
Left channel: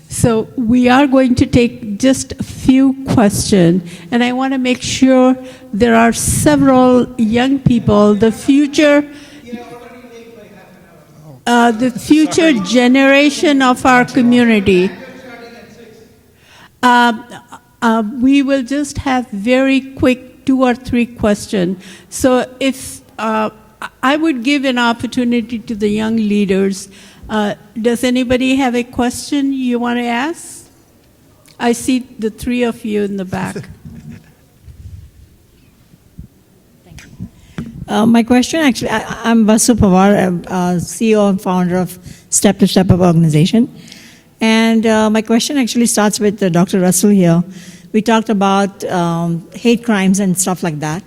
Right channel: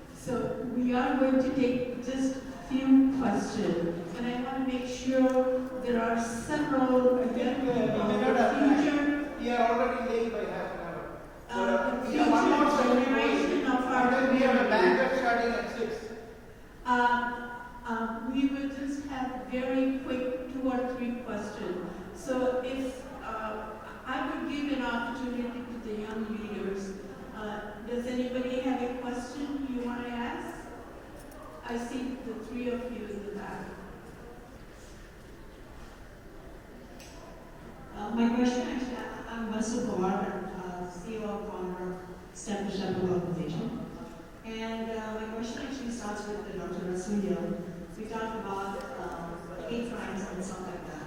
So we are going to take just a few questions, and I want to make sure there are several young people, the future generation of our community. We will just have very quick 2 or 3 questions. So if I would give an opportunity to the young leaders. Does anybody have a question you want to ask? I see the 3 of you in the back. My question, actually, I'm Vasu Pawar, CEO and founder of Step to Step Up organization. And my question actually starts with Dr. Russell here. We talked about hate crimes and stuff like that.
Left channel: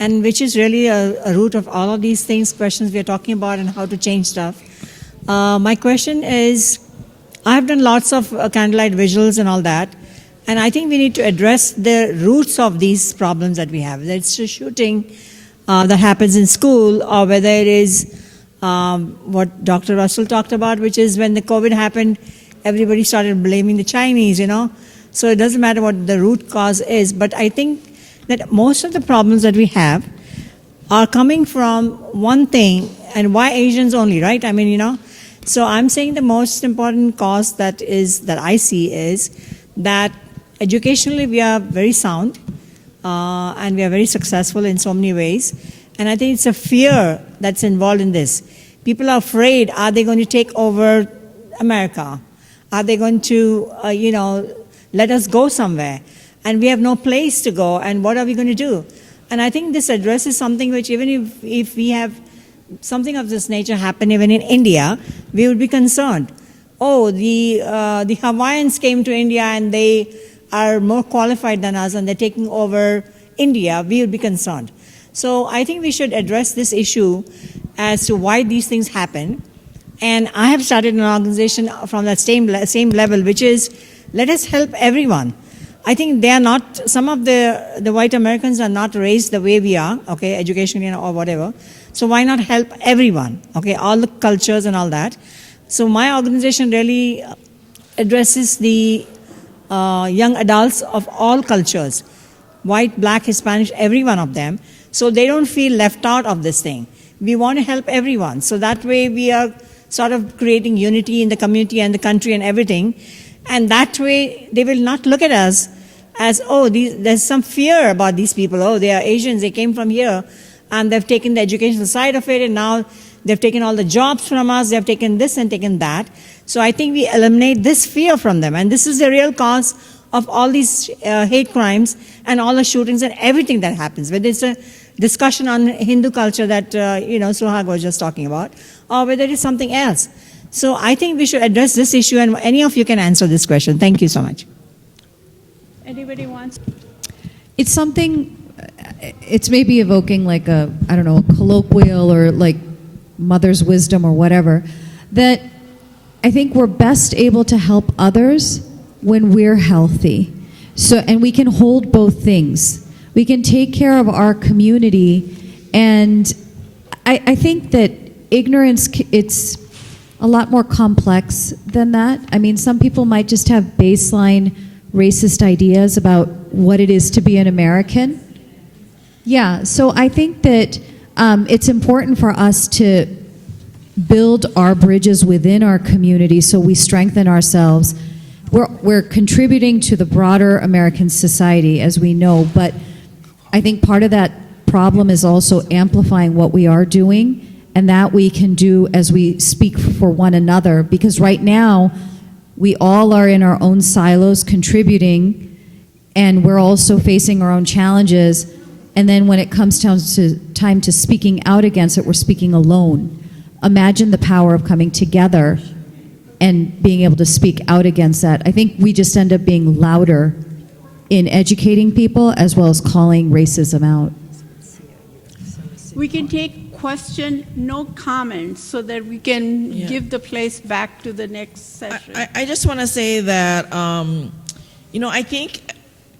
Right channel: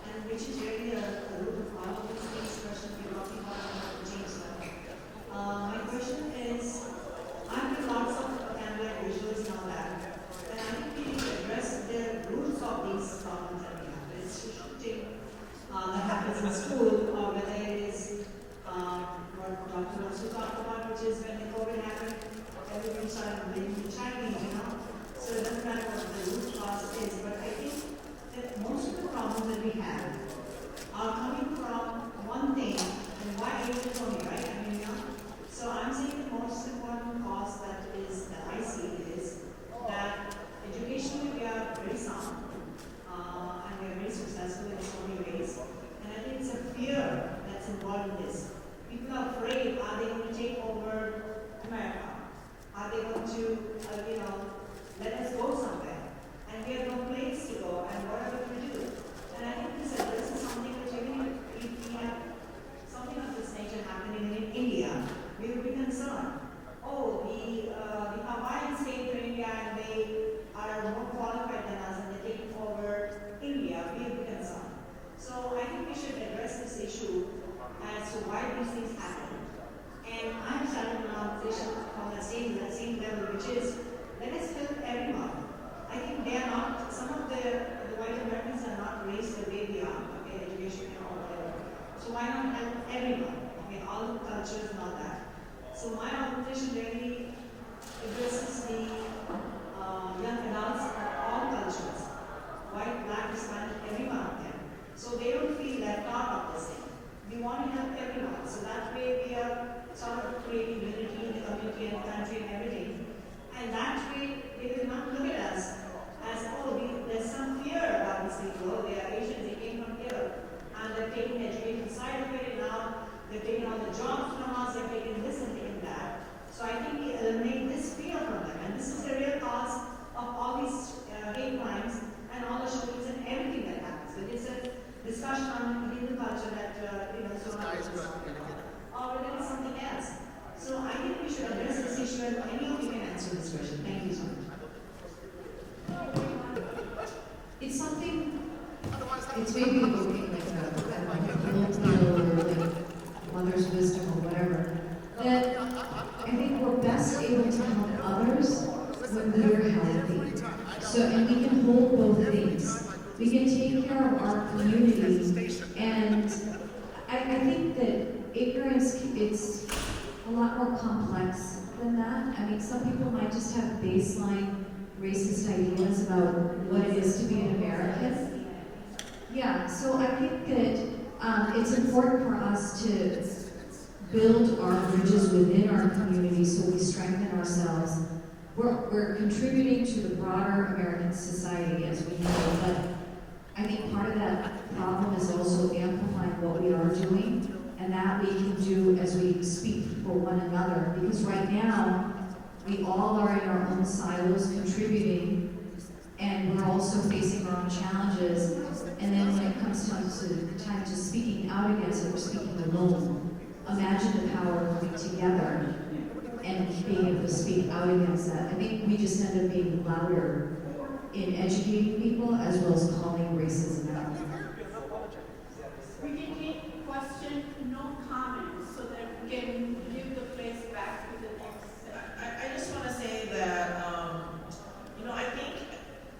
and which is really a root of all of these things, questions we are talking about, and how to change stuff. My question is, I've done lots of candlelight visuals and all that, and I think we need to address the roots of these problems that we have. Whether it's a shooting that happens in school, or whether it is what Dr. Russell talked about, which is when the COVID happened, everybody started blaming the Chinese, So it doesn't matter what the root cause is, but I think that most of the problems that we have are coming from one thing, and why Asians only, right? So I'm saying the most important cause that I see is that educationally we are very sound, and we are very successful in so many ways. And I think it's a fear that's involved in this. People are afraid, are they going to take over America? Are they going to, let us go somewhere? And we have no place to go, and what are we going to do? And I think this addresses something which, even if we have something of this nature happen even in India, we would be concerned. Oh, the Hawaiians came to India and they are more qualified than us and they're taking over India, we would be concerned. So I think we should address this issue as to why these things happen. And I have started an organization from that same level, which is, let us help everyone. I think they are not, some of the white Americans are not raised the way we are, okay, educationally or whatever. So why not help everyone, okay, all the cultures and all that. So my organization really addresses the young adults of all cultures, white, black, Hispanic, every one of them, so they don't feel left out of this thing. We want to help everyone. So that way we are sort of creating unity in the community and the country and everything. And that way they will not look at us as, oh, there's some fear about these people. Oh, they are Asians, they came from here, and they've taken the educational side of it, and now they've taken all the jobs from us, they've taken this and taken that. So I think we eliminate this fear from them. And this is the real cause of all these hate crimes and all the shootings and everything that happens. Whether it's a discussion on Hindu culture that, Suhag was just talking about, or whether it is something else. So I think we should address this issue, and any of you can answer this question. Thank you so much. Anybody wants? It's something, it's maybe evoking like a colloquial or like mother's wisdom or whatever, that I think we're best able to help others when we're healthy. So, and we can hold both things. We can take care of our community, and I think that ignorance, it's a lot more complex than that. I mean, some people might just have baseline racist ideas about what it is to be an American. Yeah, so I think that it's important for us to build our bridges within our community so we strengthen ourselves. We're contributing to the broader American society, as we know, but I think part of that problem is also amplifying what we are doing, and that we can do as we speak for one another, because right now we all are in our own silos contributing, and we're also facing our own challenges, and then when it comes down to time to speaking out against it, we're speaking alone. Imagine the power of coming together and being able to speak out against that. I think we just end up being louder in educating people as well as calling racism out. We can take question, no comments, so that we can give the place back to the next session. I just want to say that, I think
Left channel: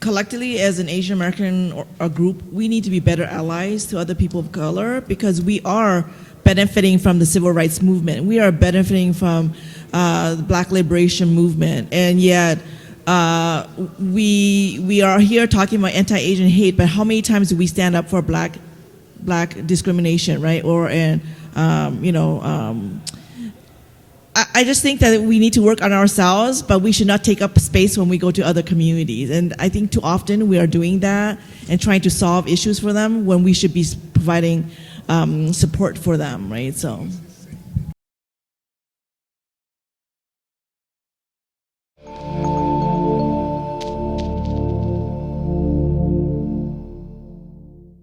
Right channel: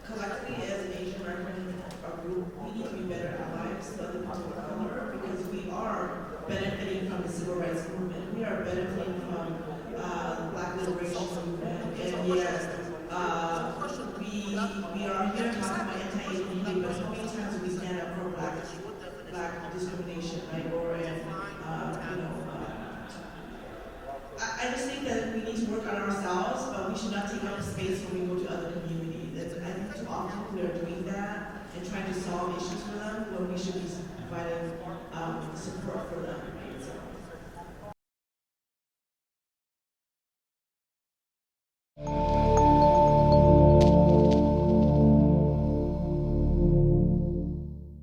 collectively as an Asian American or group, we need to be better allies to other people of color, because we are benefiting from the civil rights movement. We are benefiting from the Black liberation movement, and yet we are here talking about anti-Asian hate, but how many times do we stand up for black discrimination, right? Or I just think that we need to work on ourselves, but we should not take up space when we go to other communities. And I think too often we are doing that and trying to solve issues for them when we should be providing support for them, right? So.